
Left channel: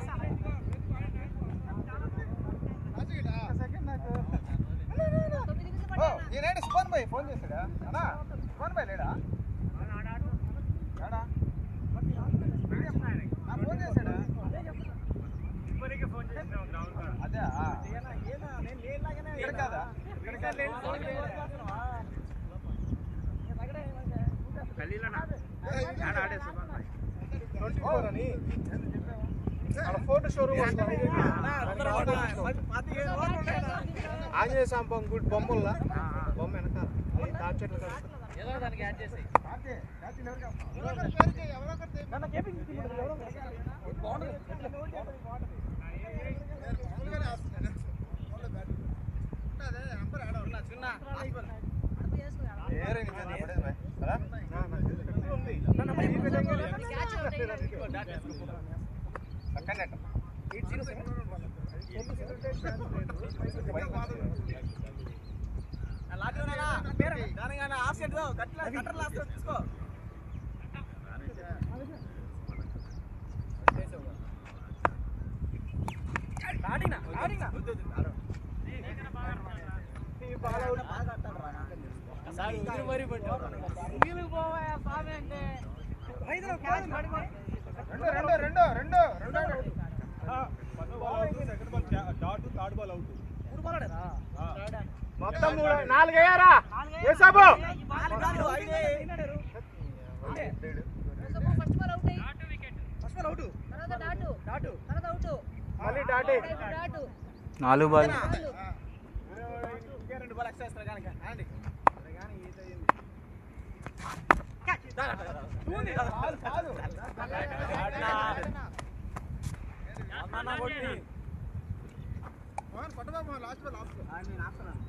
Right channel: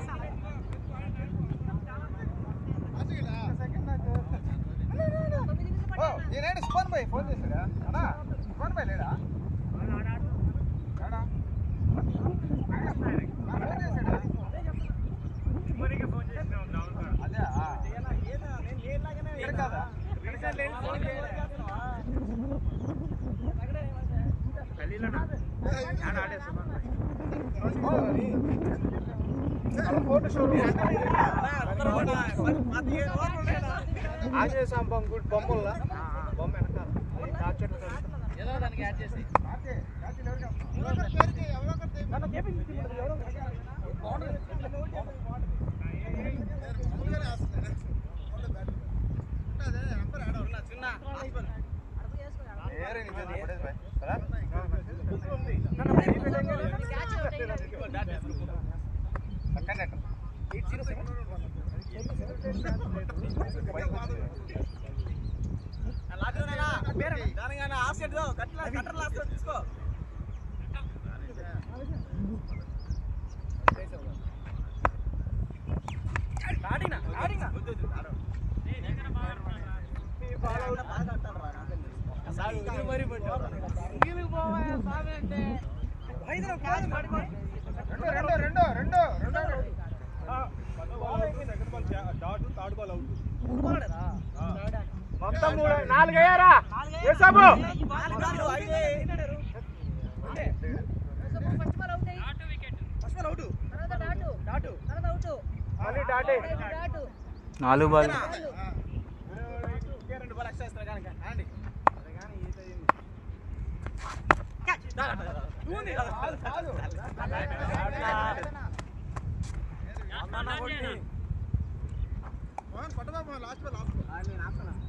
నేనేంటి సుభాన్ భాయ్ ఫోన్ చేశాడా? అన్నా సుభాన్ భాయ్ లేడా? ఫోటో షోరూమ్ ఆంజనేయ స్వామి గుడ్ బొమ్మల్లా బొమ్మ వెనకాల నాలుగయ్యారా ఏసాబు నాలుగు బాల్ రెండు బాల్ ఎక్స్ట్రా ఇస్తారు కనుక అండి లాస్ట్ లాస్ట్ నేను ఆపుతున్నాను.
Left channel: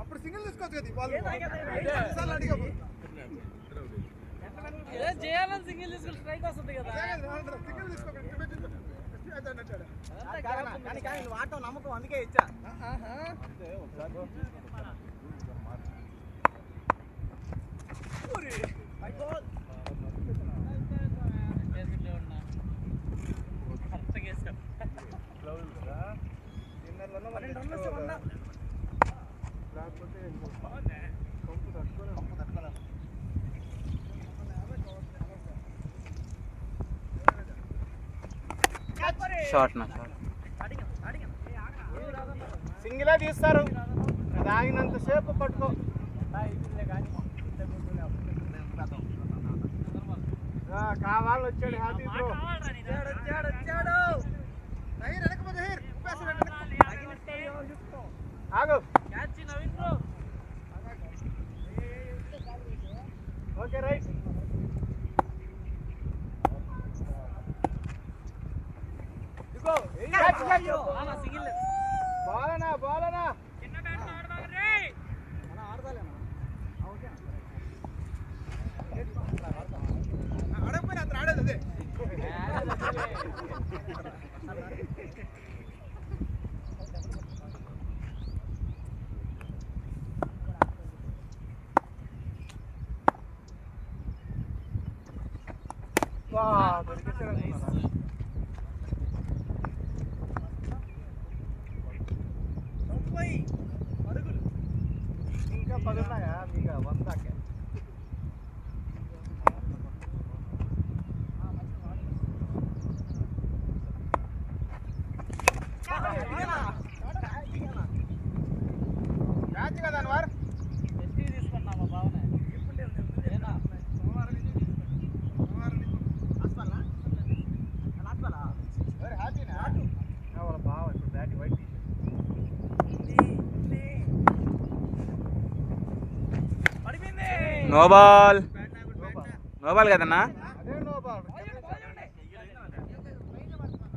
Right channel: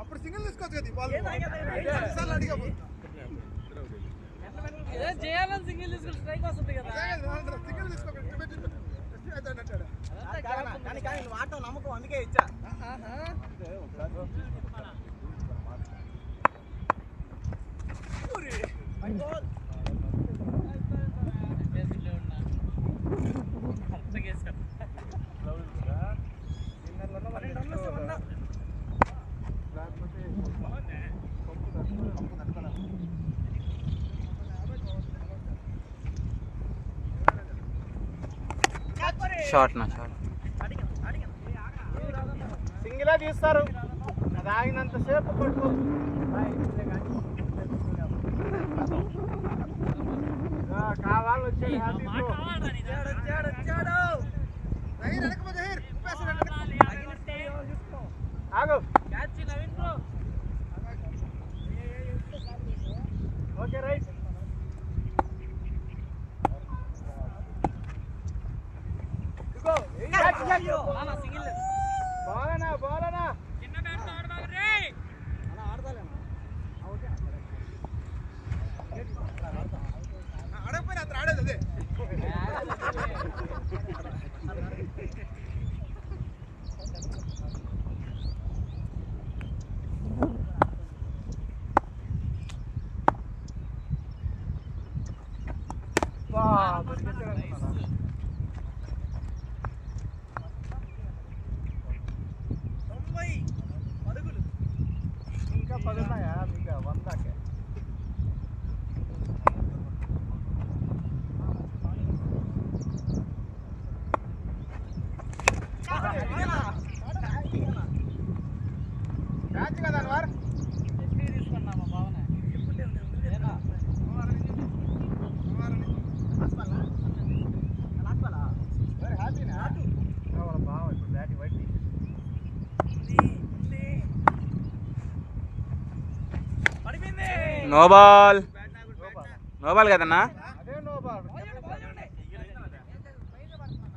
అప్పుడు సింగిల్ తీసుకోవచ్చు కదా చేయాలని సింగిల్ తీసుకుని స్ట్రైక్ వస్తుంది కదా. సింగిల్ తీసుకోవాలి కానీ నువ్వు ఆటో నమ్మకం అందుకే ఇచ్చా. షార్ట్ నా షార్ట్ సింగిలే తీస్తారు తాగినంత సేపు కొట్టుకో. కావాలి వచ్చాడు ఆగు ఓకే రైట్. బాలనా బాలనా ఆడతాలేనా ఆడకపోయినా అతను ఆడేది అదే. ఇంకా 10 ఉన్నాయా మీకు 100 నో బాల్ కదన్నా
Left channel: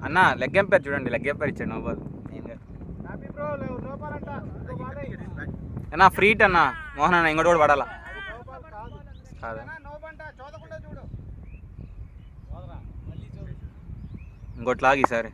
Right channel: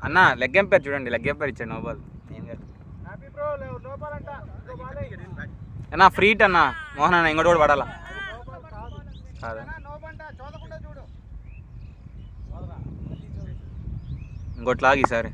అన్న. లెగ్ ఎంపైర్ చూడండి, లెగ్ ఎంపైర్ ఇచ్చాడు. నో బాల్ అన్నా. ఫ్రీట్ అన్న మోహన్ అన్న, ఇంకోటి కూడా పడాలా కాదా? ఇంకోటి లాగి ఈసారి.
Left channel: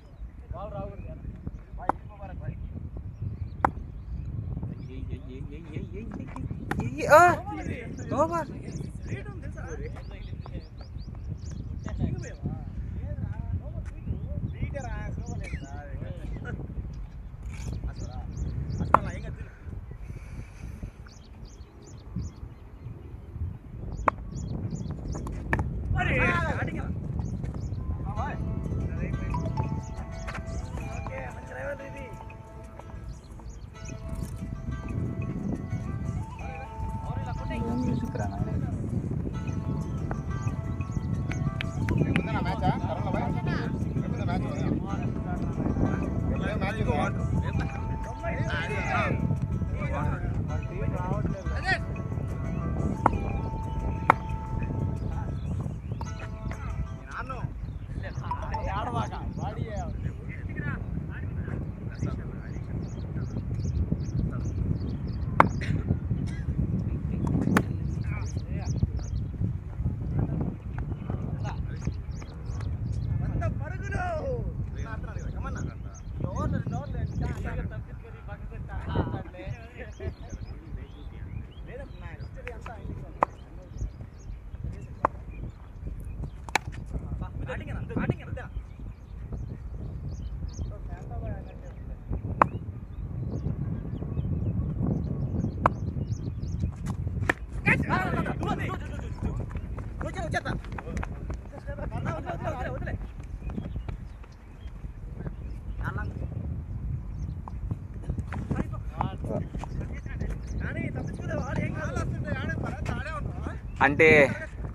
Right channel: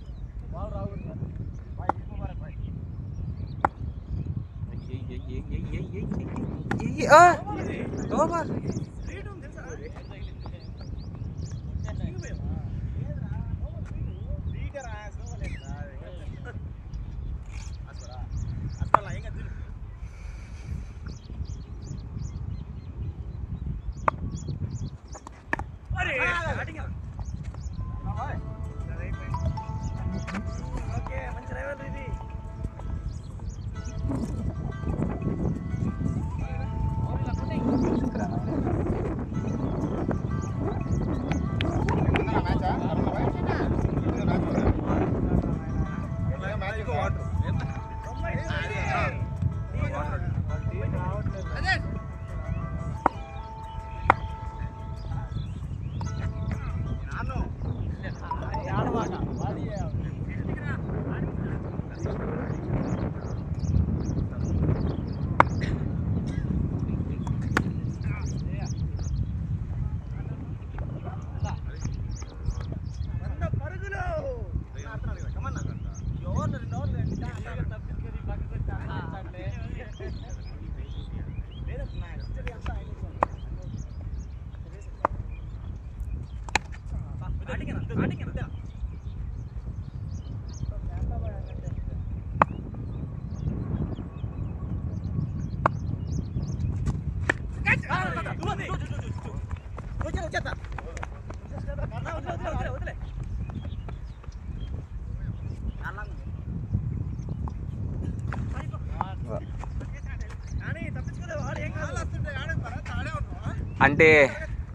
అంటే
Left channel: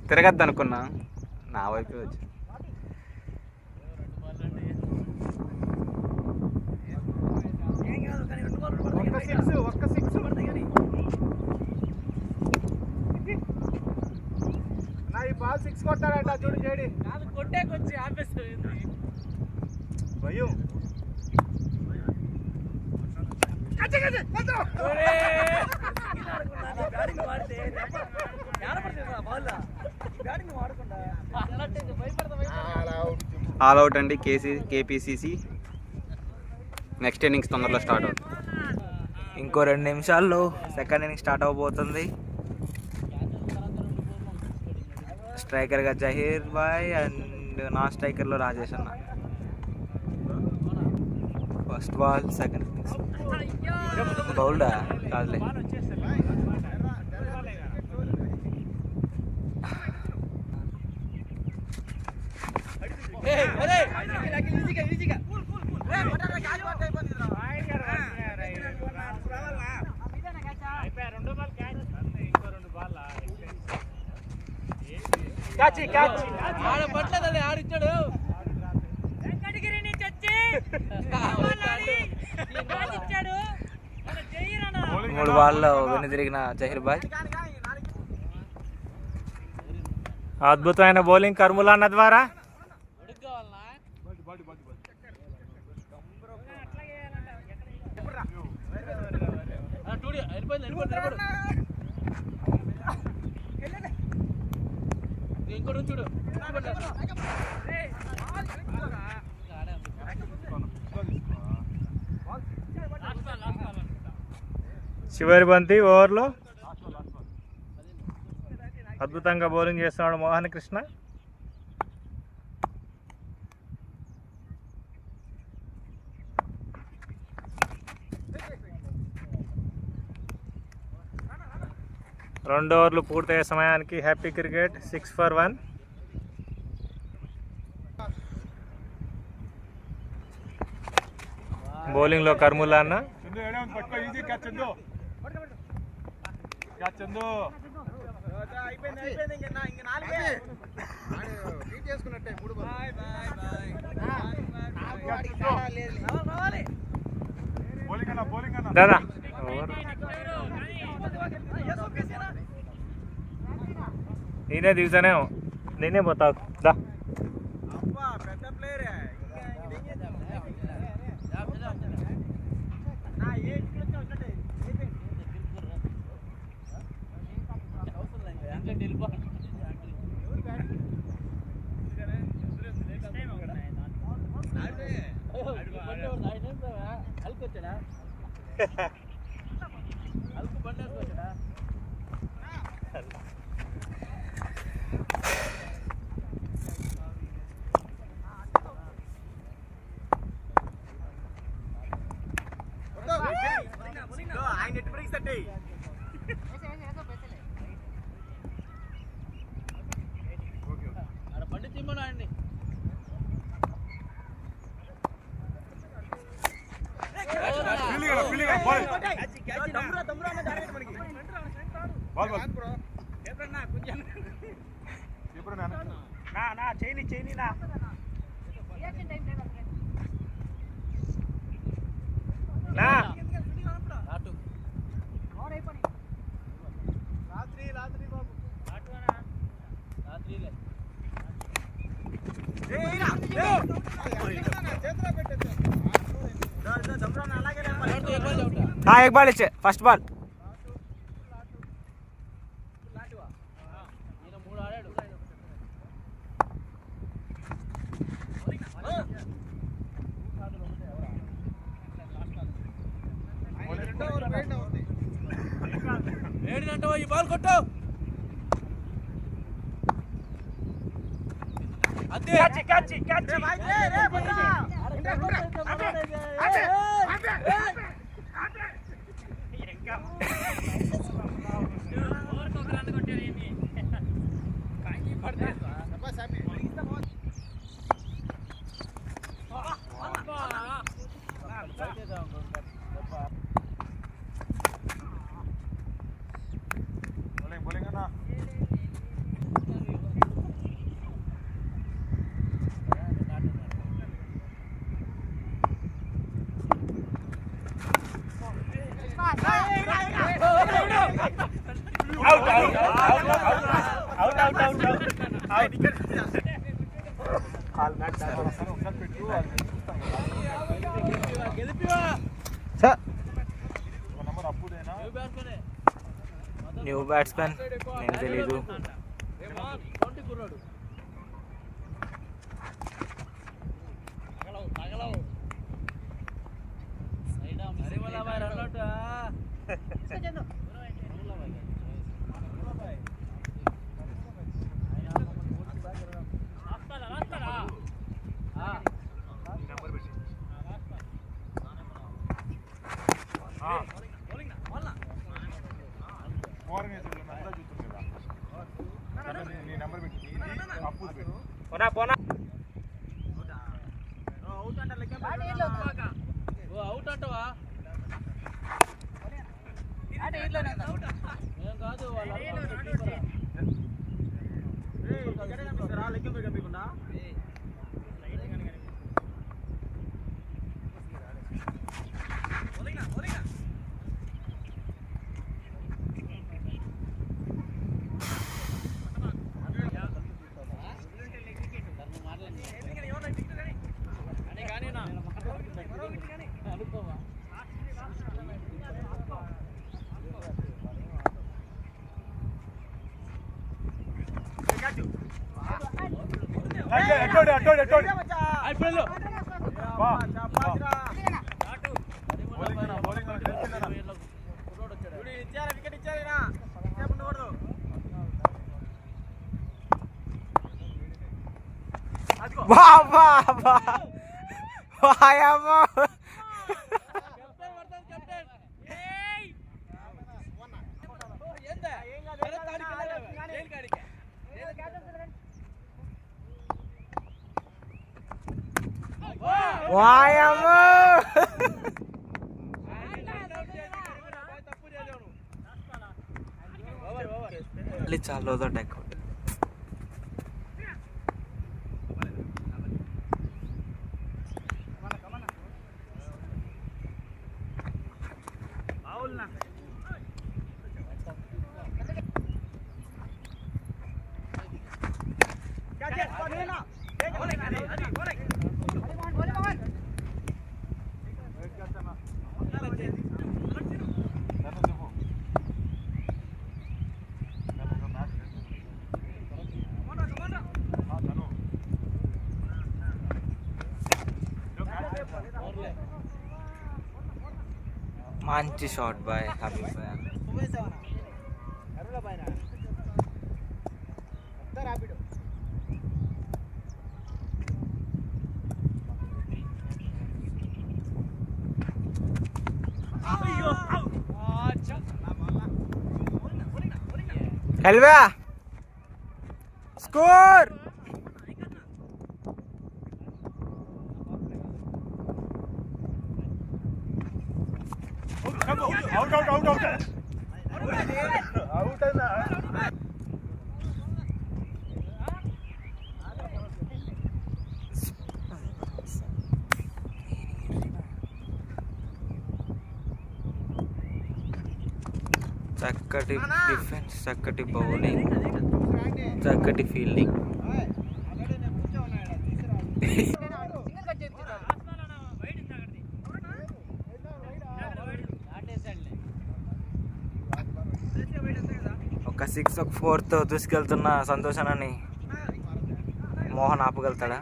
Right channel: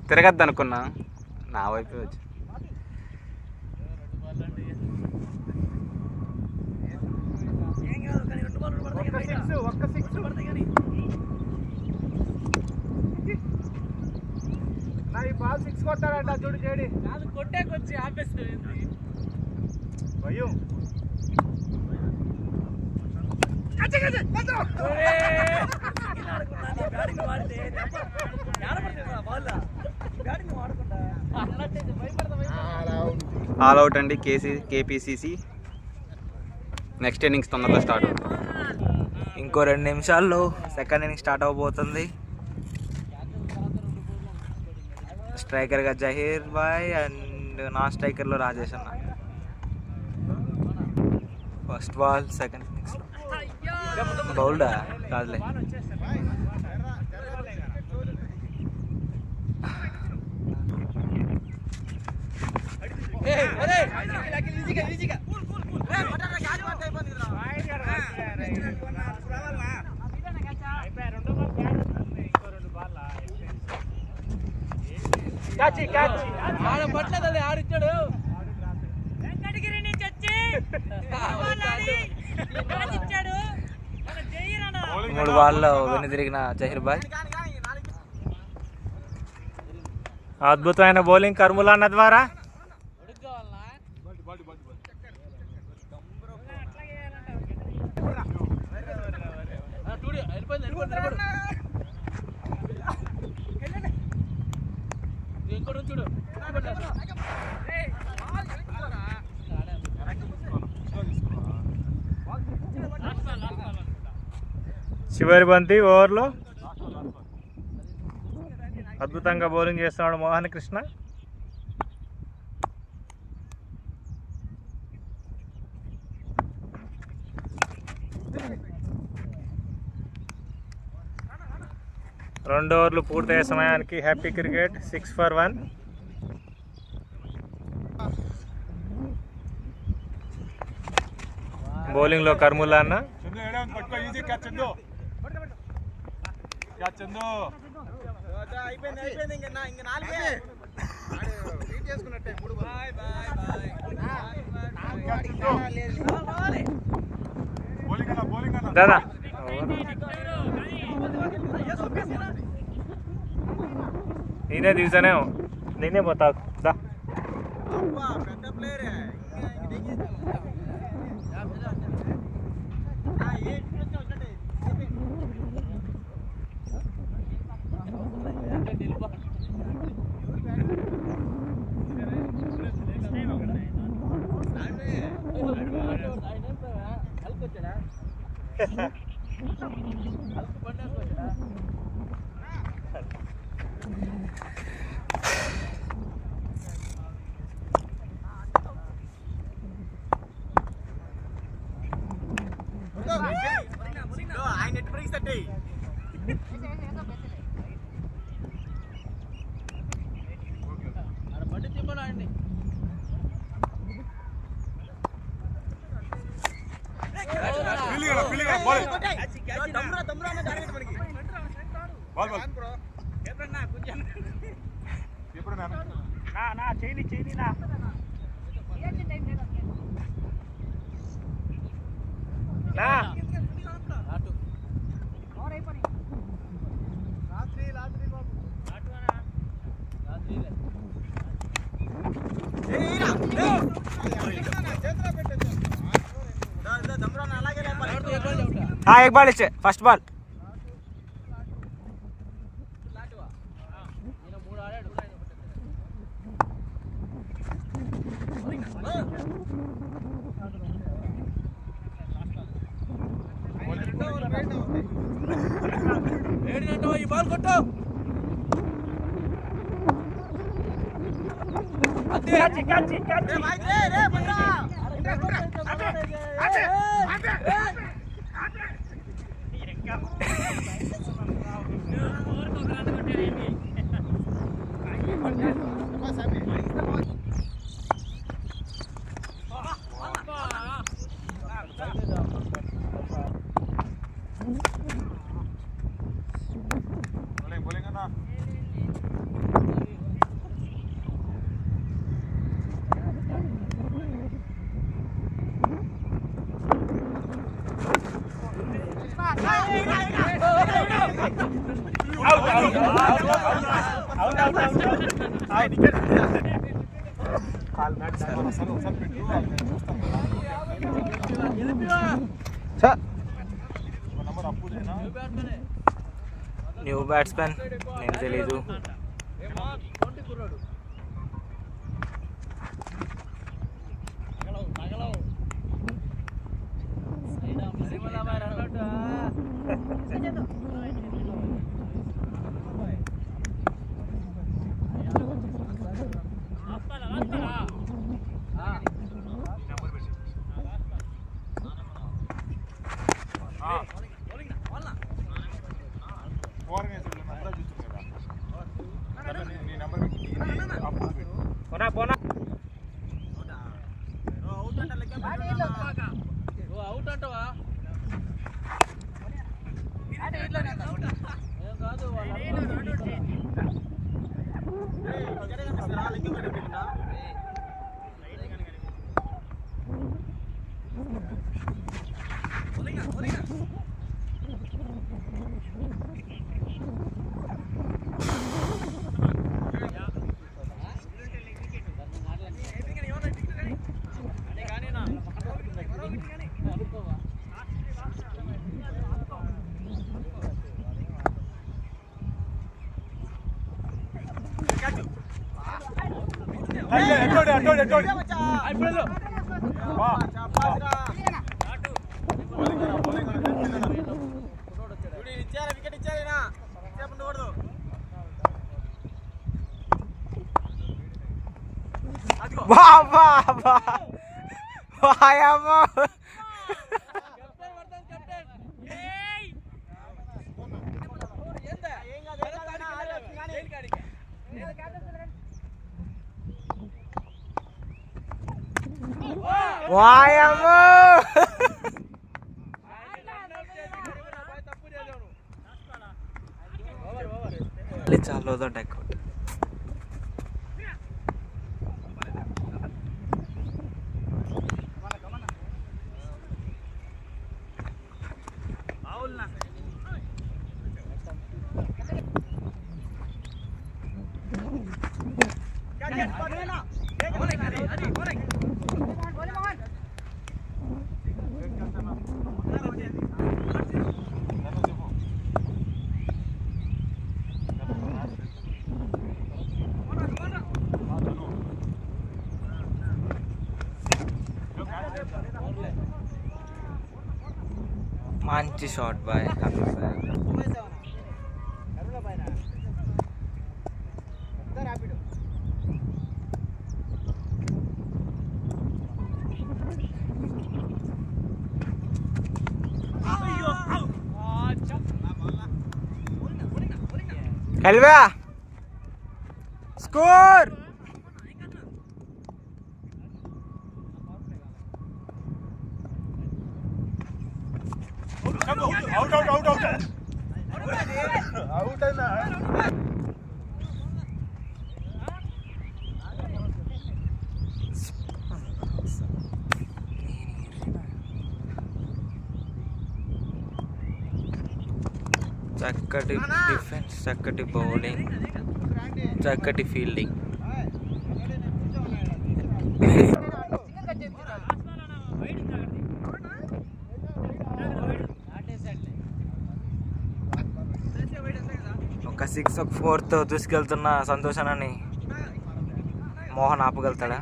తిరగద్దు అనుకున్నా, నా వైపు వచ్చి సిక్స్ కొట్టాడంట చూడు చేడి కొట్టేకొచ్చి ఆపేస్తుంది భయం. ఆల్ అవుట్ అండి. కేపీసీసీ నెక్స్ట్ ఇన్నింగ్స్ తొందరలో స్టార్ట్ అవుతుంది. ఇంకో 2 నిమిషాల్లో సెకండ్ ఇన్నింగ్ స్టార్ట్ అవబోతుంది. స్ట్రైకర్గా జహీర్ బాయ్ అండ్ నాన్ స్ట్రైకర్లో Rajesh anna. First ball second బౌల్డా కాదులే. ఆడిచ్చాడు 3 బాల్లో వెనుదిరిగిన జహీర్ బాయ్. అద్భుతమైన బౌలింగ్ కర్ముల అన్న ద్వారా. చివరి బంతి ఓవర్లో అద్భుతంగా బౌలింగ్ చేస్తున్నాడు మోహన్ కృష్ణ. రెండు ఓవర్లు పూర్తయ్యే సమయానికి హ్యాపీ క్రికెట్ 6 for 1. బౌలింగ్లో కర్ముల్లా అన్న. చేసుకున్నట్టే 3 దాదా నేనే దిగుతానే నేనే పోతావు దా हाँ एक बॉल इच्छे फर्स्ट बॉल న్యూ బ్యాట్స్మెన్ నేను తెలీదు వాయమ్మో మళ్ళీ చాలా డెక్అవుట్. మంచి షాట్ బాయ్ హబీబ్ బాయ్. హల్వా స్కోర్. చక్కటి డిఫెన్స్, చక్కటి బౌలింగ్, చక్కటి ఫీల్డింగ్. ఒక 6 ఒక 4తో దూసుకెళ్తున్న సంతోషాన్ని మోహన్ ఆపగలుగుతాడా?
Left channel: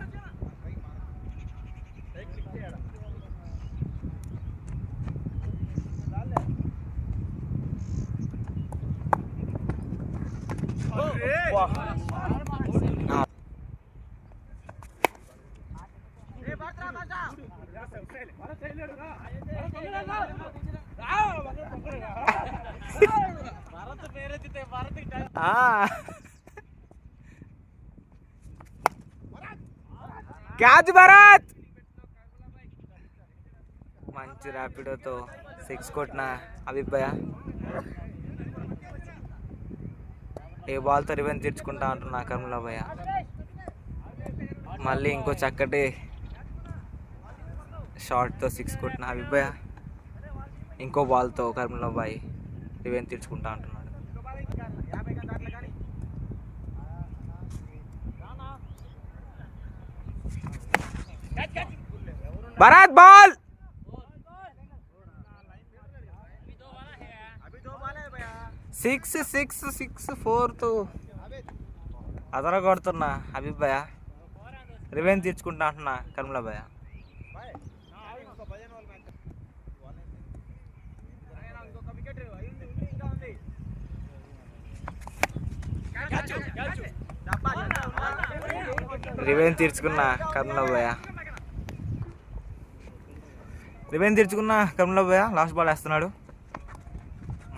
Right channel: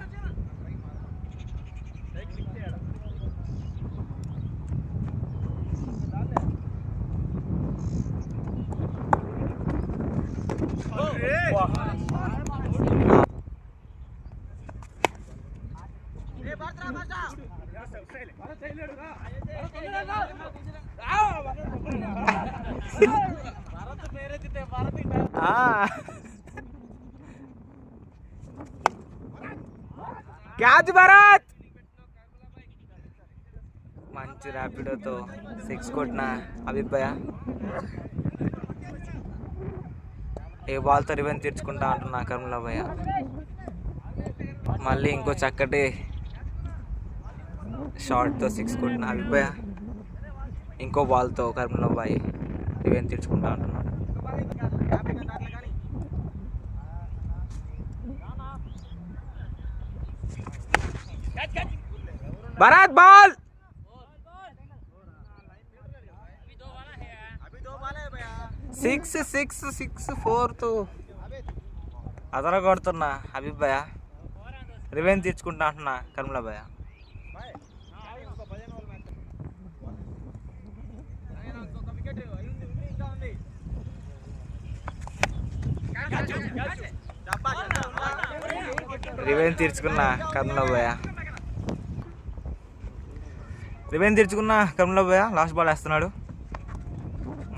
క్యాచ్ భరత్. మంచి ర్యాపిడోతో 6 కొట్టిన హబీబ్ భయ్య ఏ బాల్తో రివెంజ్ తీర్చుకుంటా అంటున్నా కర్మలా భయ్య. మళ్ళీ ఇంకో చక్కటి షార్ట్తో 6 కొట్టిన హబీబ్ భయ్య ఇంకో బాల్తో కర్మలా భయ్ రివెంజ్ తీర్చుకుంటా అంటున్నాడు. భరత్ బాల్. సిక్స్ 4తో అదర కొడుతున్నా హబీబ్ భయ్య రివెంజ్ తీర్చుకుంటా అంటున్నా కర్మలా భయ్య. రివెంజ్ తీర్చుకున్నా కర్మలా భయ్య, రివెంజ్ తీర్చుకున్నా కర్మలా భయ్య. లాస్ట్ బాల్ వేస్తున్నాడు.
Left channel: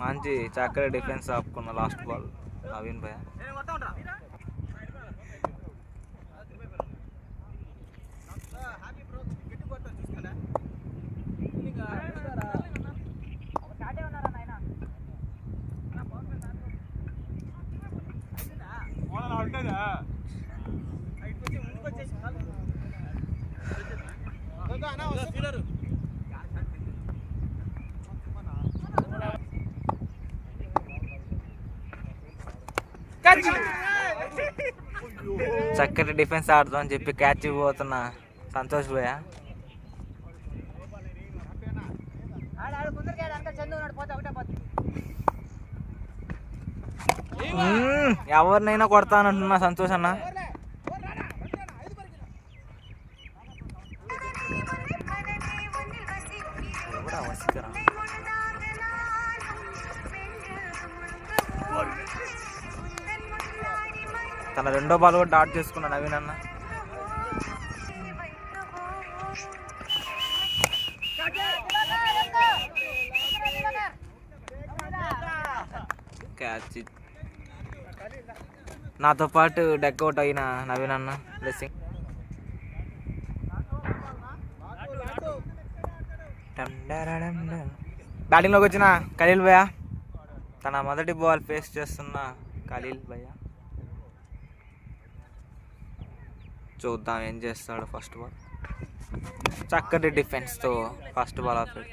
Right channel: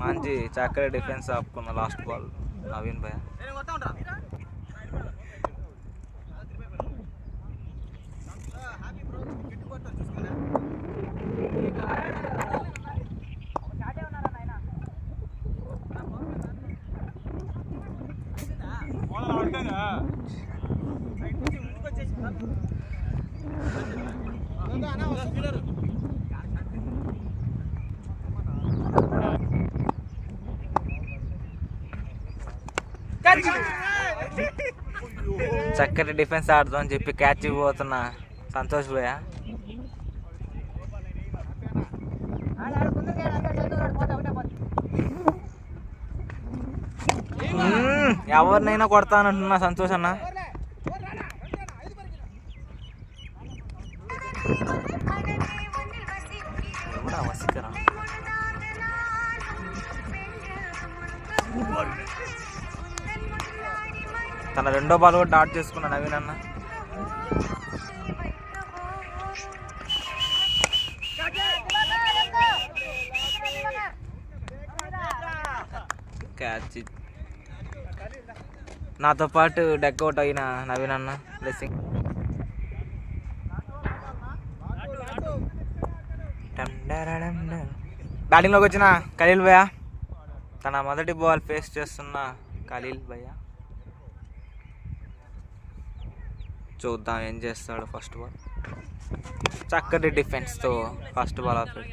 మంచి చక్కటి డిఫెన్స్ ఆపుకున్న లాస్ట్ బాల్ నవీన్ భయ్య. చక్కటి డిఫెన్స్ ఆడుతాం అని చెప్పి క్యాచ్ ఇవ్వబోతున్న సంతోష్ భయ్య. ఎవరినైనా కొడతానంటున్నా సంతోష్ అన్న. తన రెండో బాల్ కూడా డాట్ చేసుకున్నాడు నవీన్ అన్న. క్యాచ్ నాతో పాటు డెక్అవుట్ అయిన నవీన్ అన్న బ్లెస్సింగ్. బ్యాటింగ్లోకి వచ్చిన ఖలీల్ భయ్య తన మొదటి బాల్ ఫేస్ చేస్తున్న ఖలీల్ భయ్య. చూద్దాం ఏం చేస్తాడు. ఫస్ట్ బాల్ చక్కటి డిఫెన్స్తో ఫస్ట్ బాల్ ఆపాడు.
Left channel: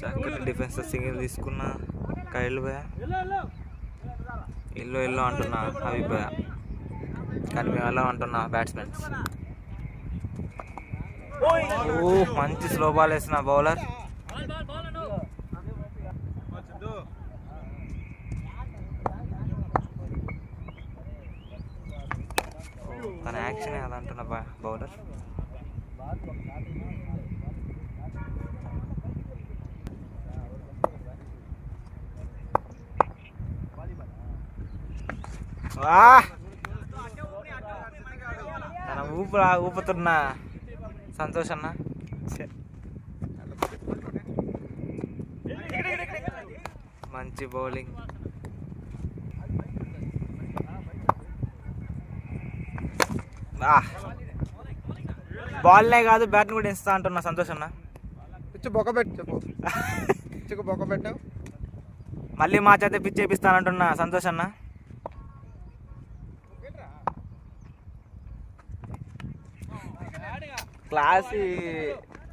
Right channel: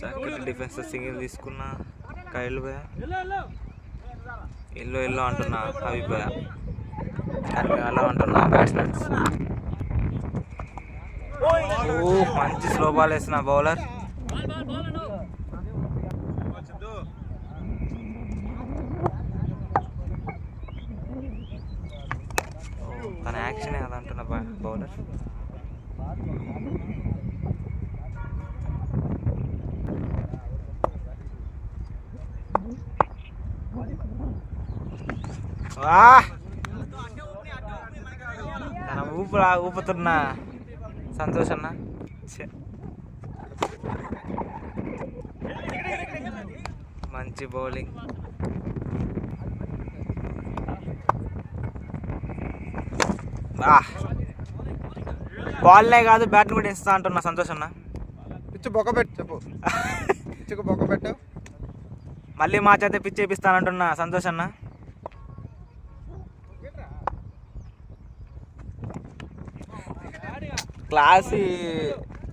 చక్కటి డిఫెన్స్ సింగిల్ తీసుకున్న ఖలీల్ భయ్య. ఇల్లు అంటున్నా హబీబ్ భయ్య, కానీ మేము ఎలా అంటున్నా బ్యాట్స్మెన్స్. ఓ మంచి స్లో బాల్ వేసిన బౌలర్. తన యాక్షనే అదంటున్న బౌలర్. తన ఊపుతున్న సంతోష్ అన్న. మంచి బౌలింగ్. బాల్లే కాదు బ్యాట్లు కూడా ఇస్తా అంటున్నా సంతోష్ అన్న. పిచ్చి బొక్క పెట్టు చెప్పు. పిచ్చికి బొక్క పెట్టు. మళ్ళీ మా చేత పిచ్చి వేపిస్తానంటున్నా సంతోష్ అన్న. క్లాస్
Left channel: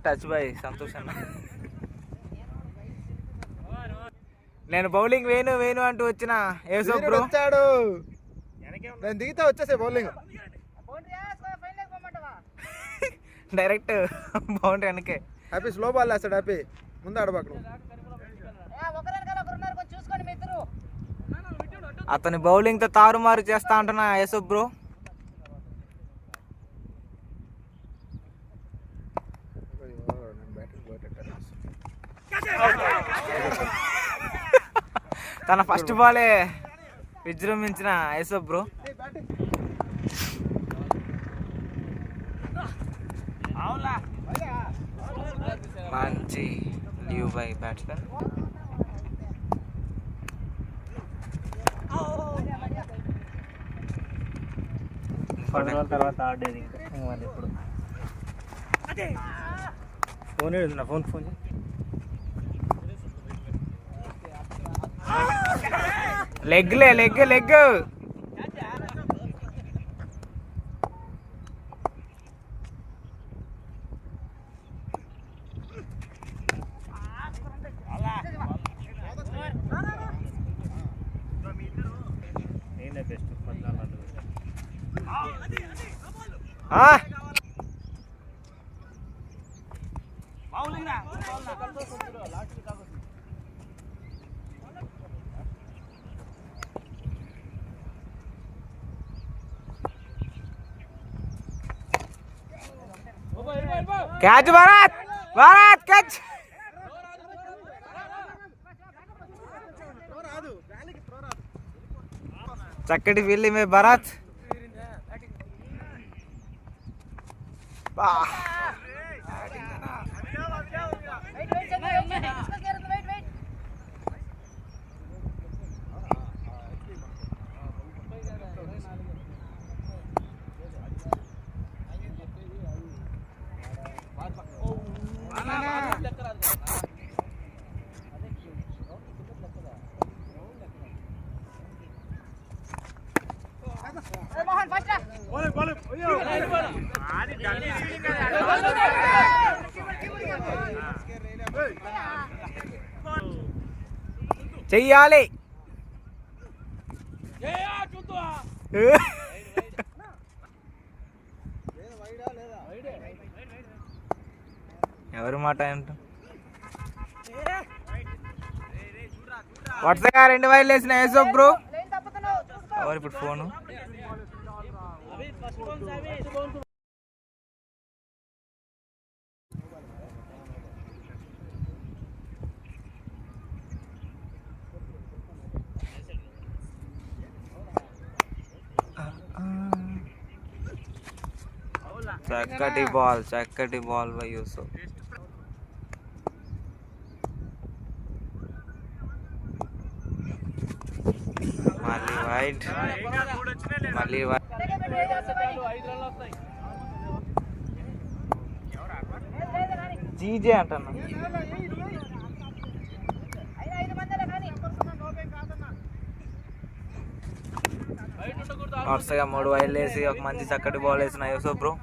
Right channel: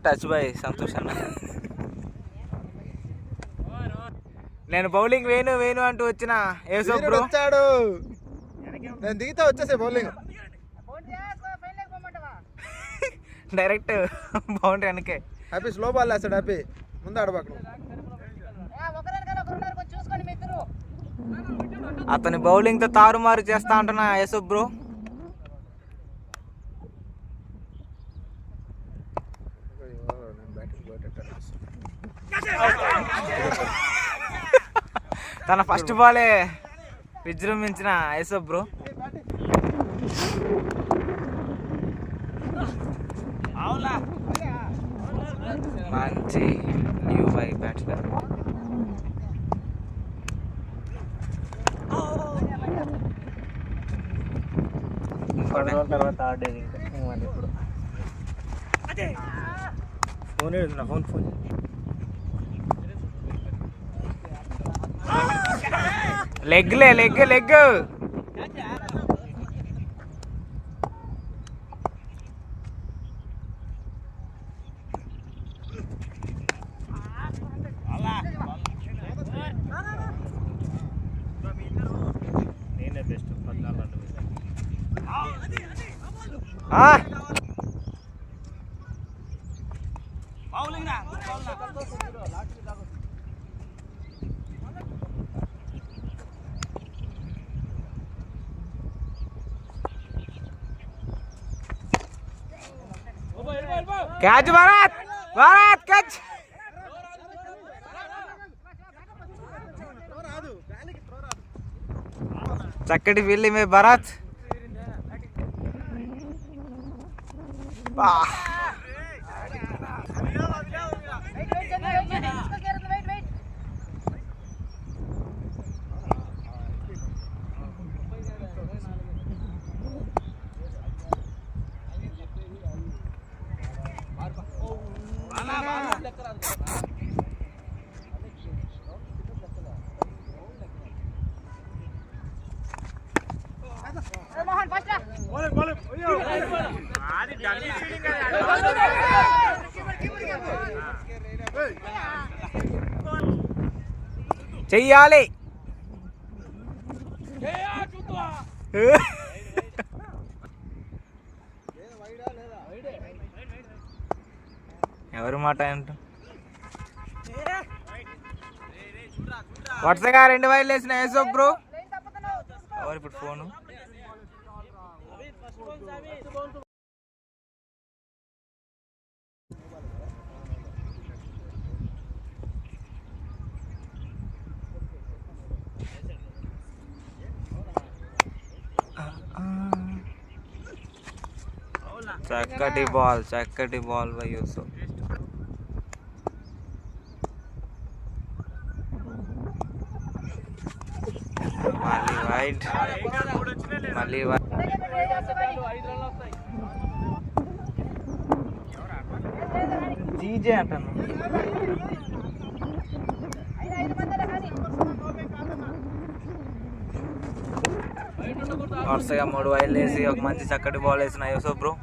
టచ్ బై సంతోష్ అన్న. నేను బౌలింగ్ వేణు అంటూ వచ్చిన ఏసో బ్రో వచ్చాడు. నేను దిగితే వచ్చేసే బౌలింగ్ డైరెక్ట్ బౌండరీ వెనకే. హ్యాపీ స్లో బాల్ వేస్తాడు. హ్యాపీ ముందు ఆడబాకు. అతని బౌలింగ్తో తారుమారు చేస్తా అంటున్నా యేసు బ్రో. తన ఫస్ట్ బాలే విజృంభించిన యేసు బ్రో. మంచి న్యూ బై బ్యాట్స్మెన్. తర్వాత ఆడేది ఇంకా మరి ఇప్పుడు ఫోన్ ఏడుంది నా ఫోన్ లెగ్ నేనే బెస్ట్ 14 క్యాచ్ భారత్ క్యాచ్. చక్కటి ఫీల్డింగ్ మే భరత్. చెయ్యాలి. ఎవరి మాట అంట. వరుసగా 2 వైర్లు వేసిన యేసు బ్రో. ఎవరు ఇప్పుడు ఫోను. చక్కటి బాల్ బై యూసుఫ్. మళ్ళీ వైడ్ జీజే అంటున్నా. వరుసగా 3 వైర్లు వేసి ఒక మంచి చక్కటి బాల్ వేసిన యూసఫ్ బ్రో.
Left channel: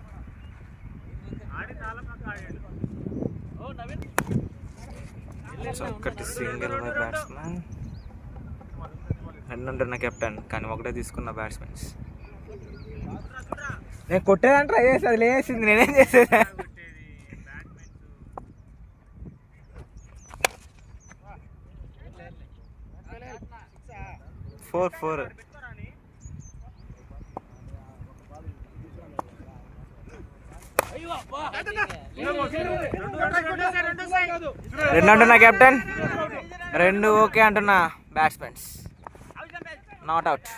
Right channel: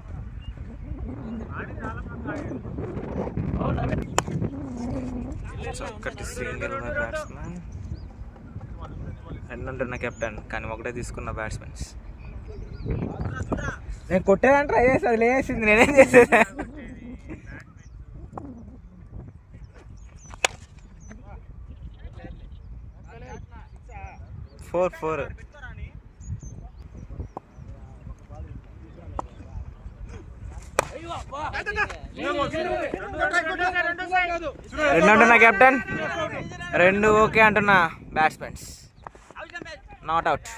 చక్కటి సింగిల్ బై బ్యాట్స్మెన్. 2 ఉంటున్న కెప్టెన్, కానీ ఒకటే తీసుకున్న బ్యాట్స్మెన్స్. నేను కొట్టేదని ట్రై చేసి అది లేసింది, నేనేం చేసేది. ఫోర్ 2 అంటున్నా కెప్టెన్, 2 ఓకే అంటున్నా బ్యాట్స్మెన్స్. Not out.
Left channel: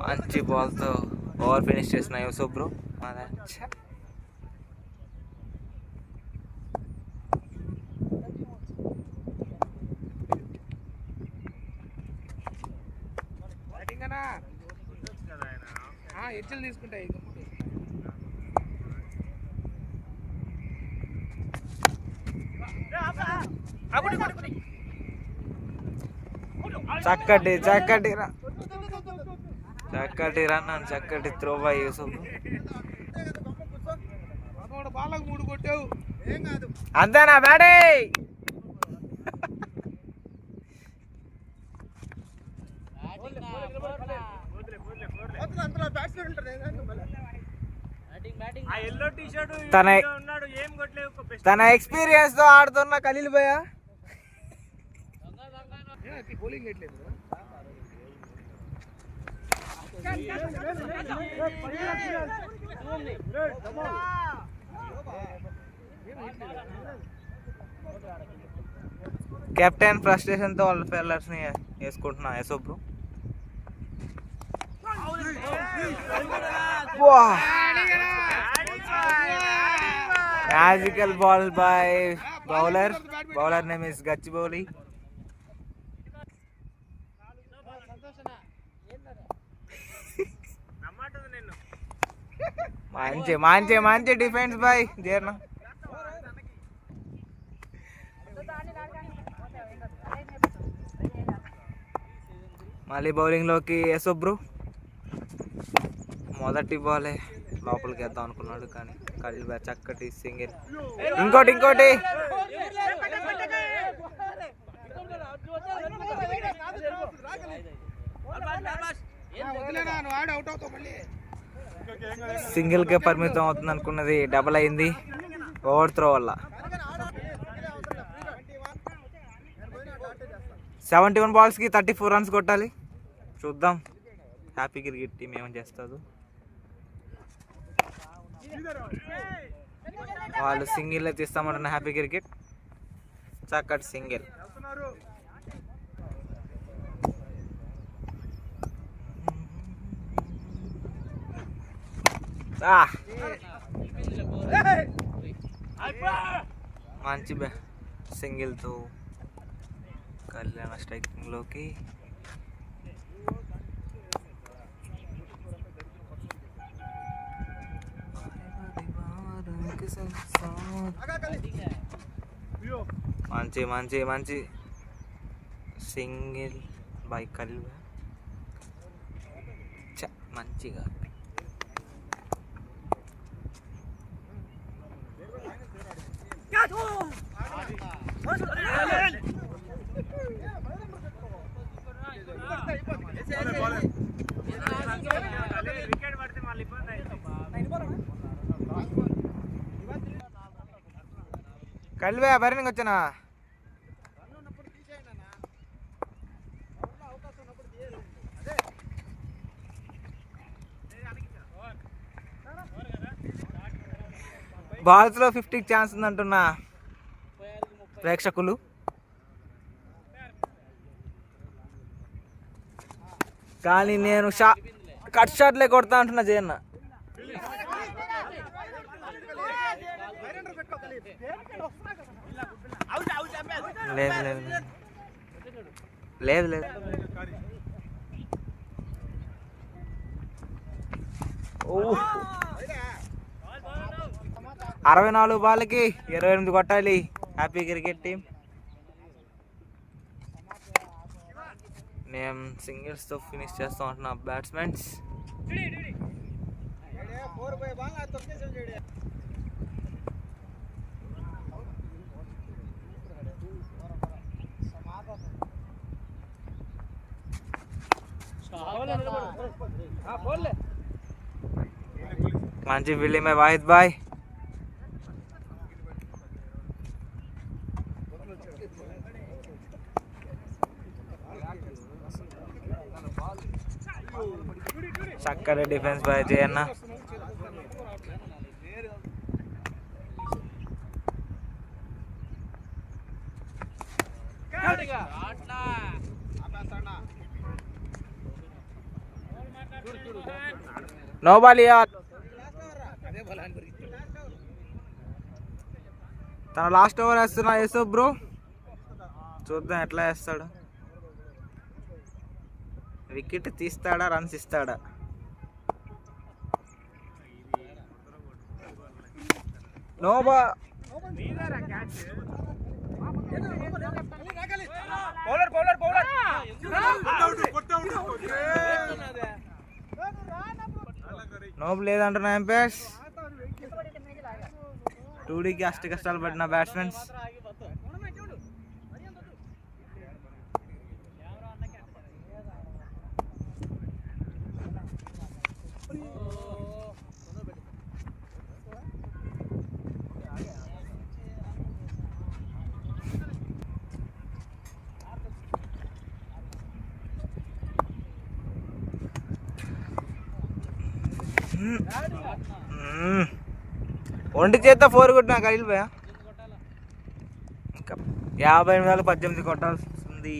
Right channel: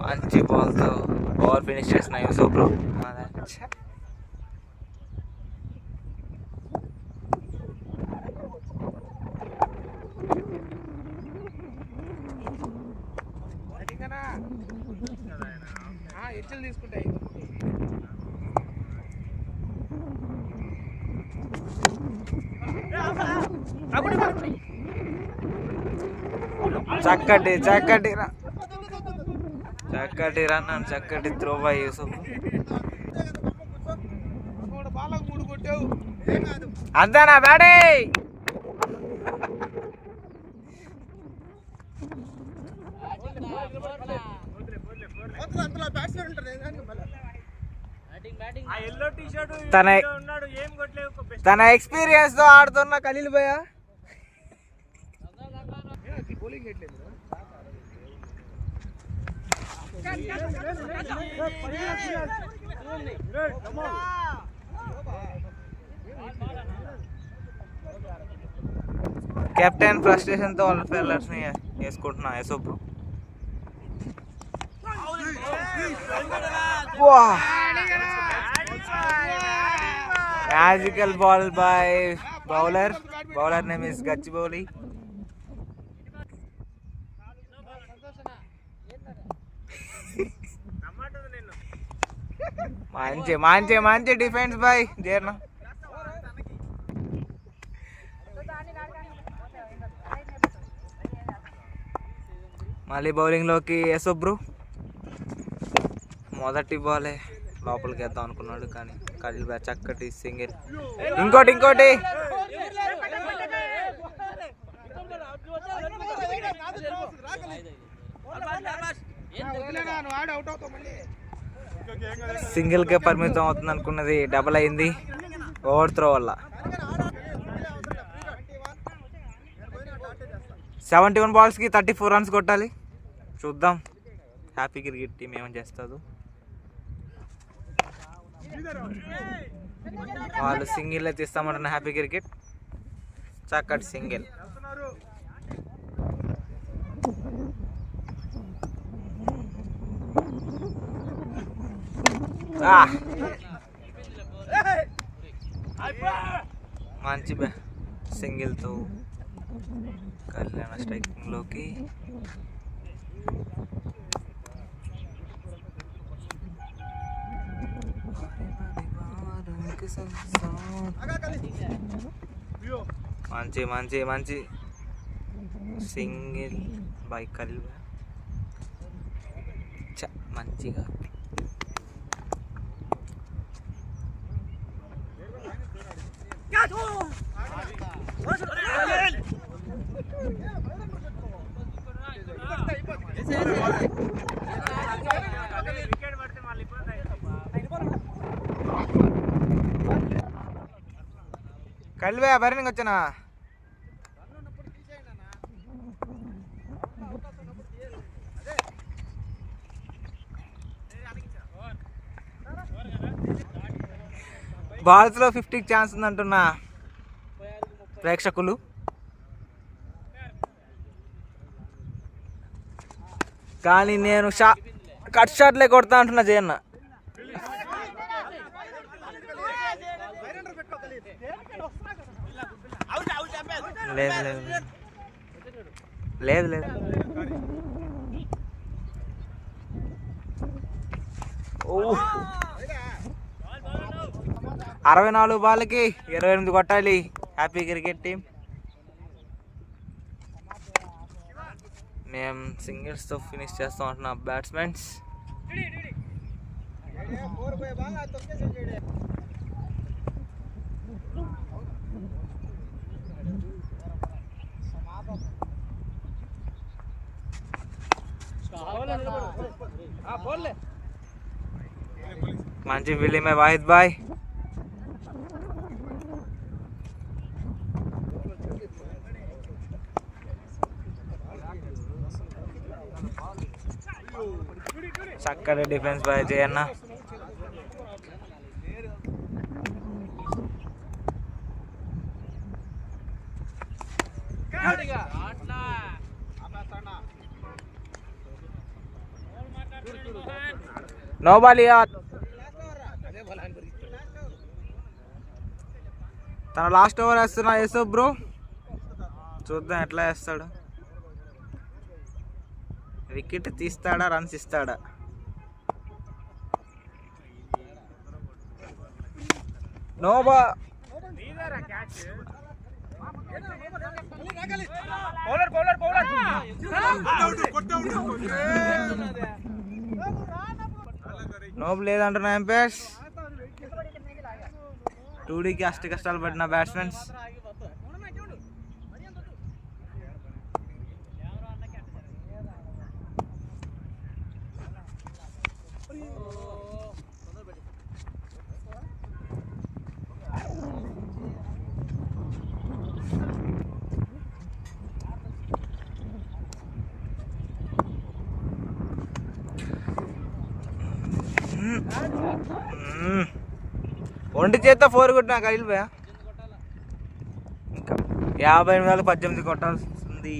మంచి బాల్తో ఓవర్ ఫినిష్ చేసిన యూసఫ్ బ్రో. తీసుకుంటాయి. చక్కటి రన్ అండ్ చక్కటి త్రో బై యూసఫ్. అంతేనా బ్యాడే? తన ఎక్స్పీరియన్స్ తో ఆడుతున్న ఖలీల్ భయ్య. కెప్టెన్ ఫ్రస్ట్రేషన్ తో వాళ్ళ ఫెల్లర్స్ ని వేసుకుంటున్నా Yusuf bro. Magical ball by bowler. Bowler name is Gachibowli. మంచి డిఫెన్స్ బై జర్న. మళ్ళీ బౌలింగ్ లోకి యూసఫ్ బ్రో. మొదటి బాలే లోపలికి వేద్దాం అనుకున్నాడు, కానీ ఖలీల్ భయ్య చక్కటి సింగిల్. ఇంకోటి సింగిల్ కే పరిమితం అవుతుంది అనుకున్నది డబల్ అయింది ఓవర్ త్రో వల్ల. 71 balls కి 34 runs కొట్టాలి. చూద్దాం హ్యాపీ క్రికెట్ టీం ఏమని చేస్తుందో. వాళ్ళు సింగిల్ తీస్తామంటున్న హ్యాపీ క్రికెట్. చక్కటి సింగిల్. మంచి సింగిల్తో కళ్యాణ స్ట్రైకింగ్లోకి. మంచి సింగిల్ బై ఖలీల్ భయ్య. మంచిగా ఖలీల్ భయ్య బరినికి వచ్చానా? బాల్స్లో 50కి ఛాన్స్ ఉందంటున్నా ప్రేక్షకులు. కానీ నేను కట్ షాట్లే కొడతా అంటున్నా జయన్న. లేదు లేదు లేదు లేదు. ఓ 64 బాల్కి 28 కొట్టాలి హ్యాపీ క్రికెట్ టీం. నేను సింగిల్స్తో ఫినిష్ చేస్తాం అంటున్నా బ్యాట్స్మెన్స్. మంచి ఫీల్డింగ్ బై వాహిద్ బాయ్. చక్కటి defence by Jayanna. No ball. తన లాస్ట్ ఓవర్ వేస్తున్నా యూసఫ్ బ్రో. చూద్దాం ఎట్లా వేస్తాడు. వికెట్ తీస్తాడా రన్స్ ఇస్తాడా. No ball. నోబ్ లేదంటున్నా ఎంపైర్స్. 2Dకి అష్ట కష్టాలు పడిన బ్యాట్స్మెన్స్. ఒంటి చేత 4 కొట్టినా ఖలీల్ భయ్యా. ఇంకా 58 కొట్టాల్సింది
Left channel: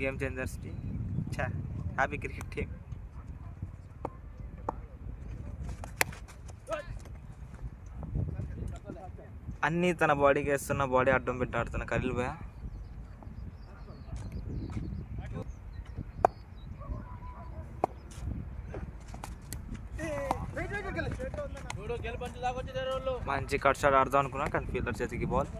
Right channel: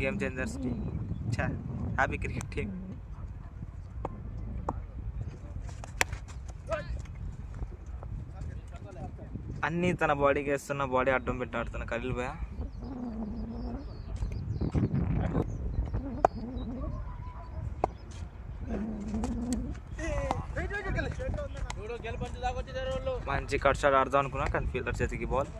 game changers team. Happy cricket team. అన్నీ తన బాడీకి వేస్తున్న, బాడీ అడ్డం పెట్టి ఆడుతున్న ఖలీల్ భయ్యా. మంచి కట్ షాట్ ఆడదాం అనుకున్నా కానీ ఫీల్డర్ చేతికి బాల్.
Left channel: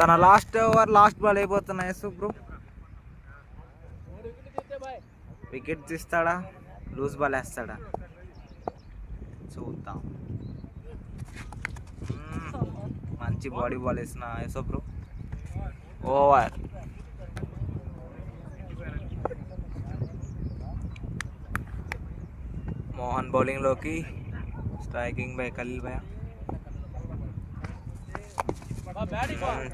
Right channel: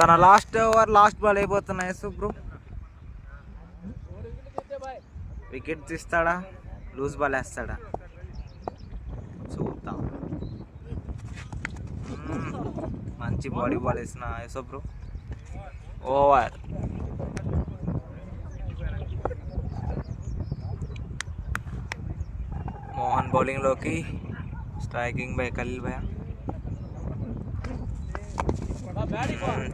తన లాస్ట్ ఓవర్ లాస్ట్ బాల్ అయిపోతున్నాయి బ్రో. వికెట్ తీస్తాడా లూజ్ బాల్ వేస్తాడా చూద్దాం. మంచి బాడీ బాల్ వేసిన యూసఫ్ బ్రో. ఓవర్. మోహన్ బౌలింగ్లోకి. Striking by Khalil bhaiya.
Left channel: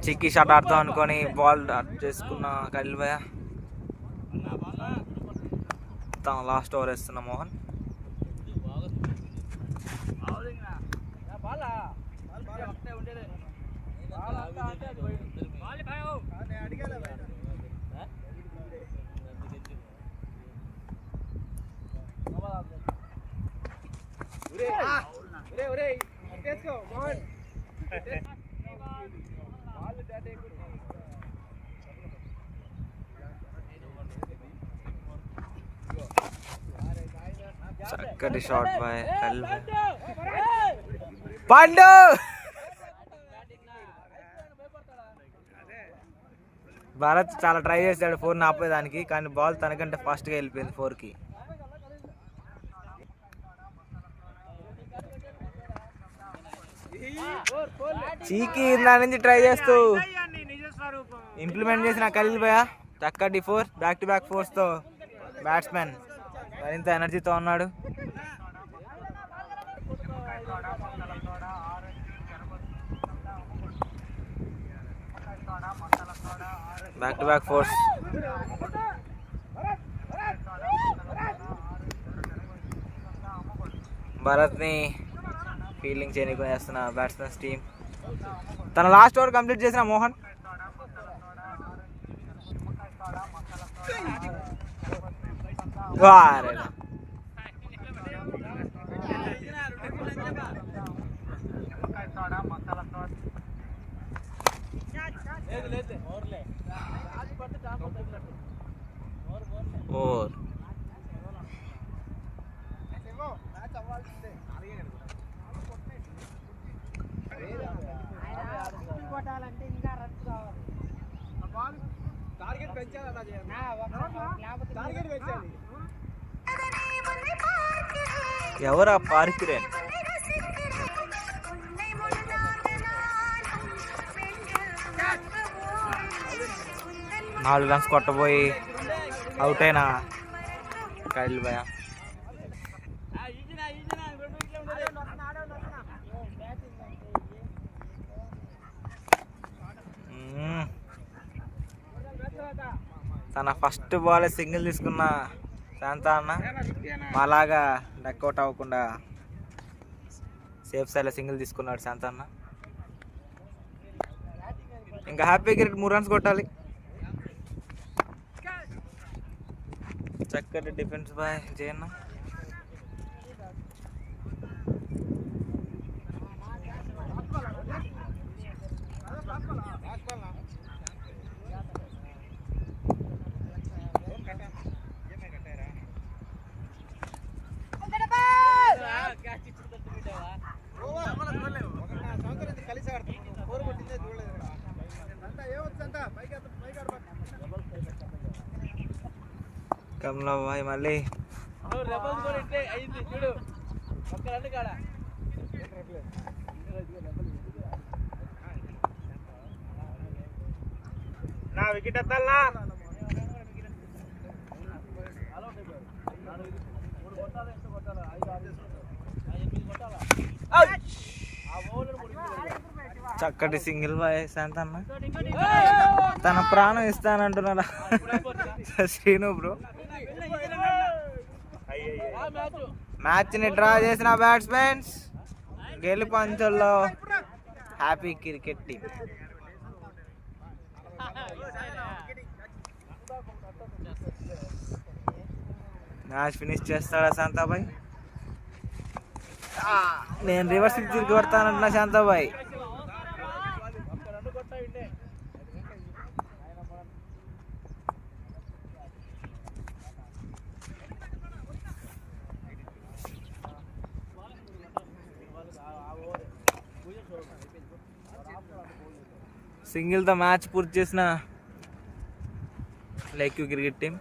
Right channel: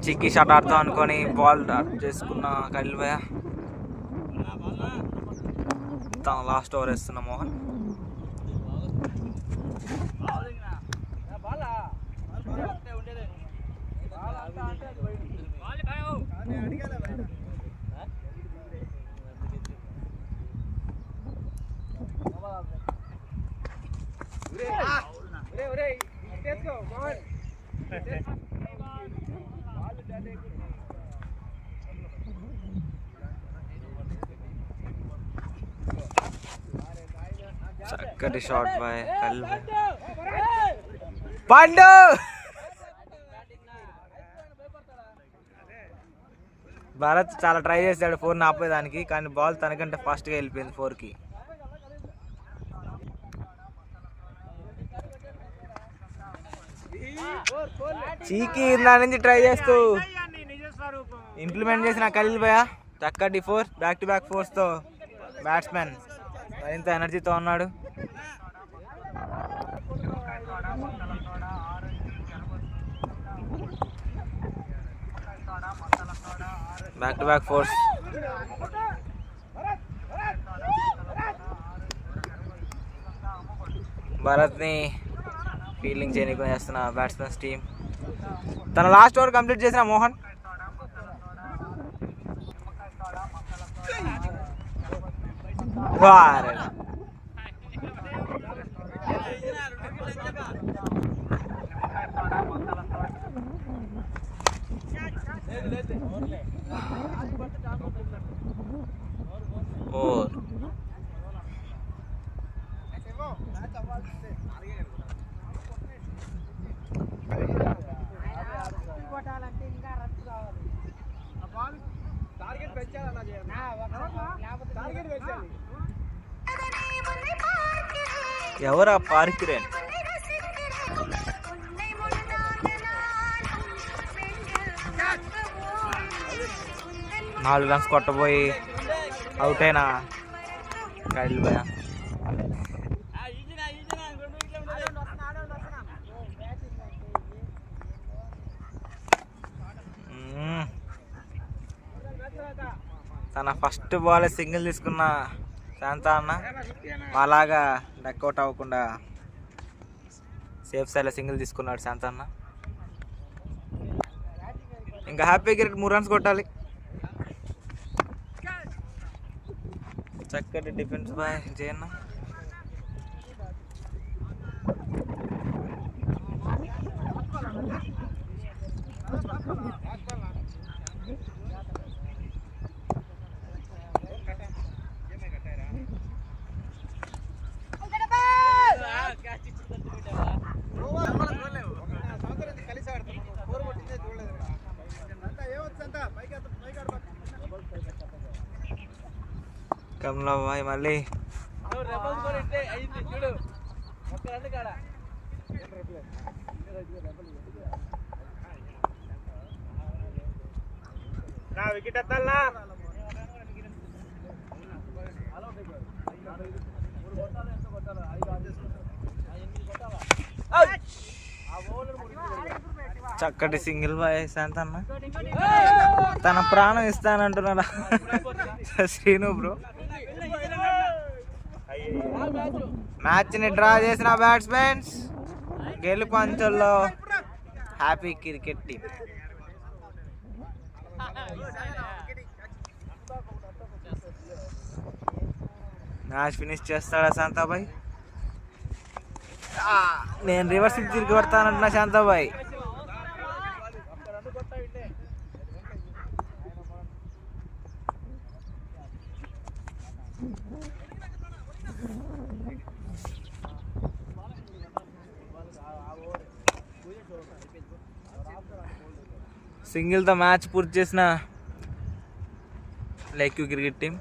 చిక్కీ షాట్ ఆడదాం అనుకొని బాల్ చేసుకున్న ఖలీల్ భయ్యా. తన లాస్ట్ ఓవర్ వేస్తున్న మోహన్. చక్కటి షాట్ బాయ్ ఖలీల్ పండు. భారత్ చాలా ట్రై చేశాడు 4 ఆపేదానికి కానీ బాల్ తనకంటే ఫాస్ట్గా వెళ్ళిపోయింది 4కి. చీకి దాని నుంచి ట్రై చేస్తూ ఇంప్లిమెంట్ చేసిన ఖలీల్ భయ్యా. చక్కటి 4 బ్యాక్ టు బ్యాక్ 4తో బ్యాట్స్మెన్ మరింత ఎనర్జీతో ఉన్నాడు. Back to back 4. భారత్ని ఫీల్డింగ్ చేయడానికి చేస్తున్న బ్యాట్స్మెన్స్ టీం. తన లాస్ట్ ఓవర్ కంప్లీట్ చేసిన మోహన్. ఫోర్. ఎవరా పార్కిరేన్? 4 రన్స్ కొట్టబోయి అవుట్ అయినా కైల్ భయ. తన ఫస్ట్ బాల్ సింగిల్ తీసుకున్న శాంత అన్న అలాగా డక్అవుట్ అవ్వకుండా సేఫ్ సైడ్లో సింగిల్ తీసుకున్నాడు శాంత అన్న. ఇంకా హ్యాపీ క్రికెట్ 3 రన్స్ కొట్టాలి. చక్కటి డిఫెన్స్ బాయ్ జయన్న. కమలా బాయ్ మళ్ళీ వికెట్ ఎత్తాలనా? చక్కటి సింగిల్ బాయ్ శాంత అన్న. తన ప్రాణం ఇస్తానంటున్నాడా శ్రీను బ్రో. మ్యాచ్ని డ్రా చేసిన బ్యాట్స్మెన్స్ గెలుపు అంచుల్లో happy cricket team. Match finish చేస్తాడా శాంతాబాయ్? నేను రివర్స్ తిరిగి కొడతానంటున్నా శాంతాబాయ్. సింగిల్తో మ్యాచ్ పూర్తి చేసిన లైక్యూ క్రికెట్ టీం.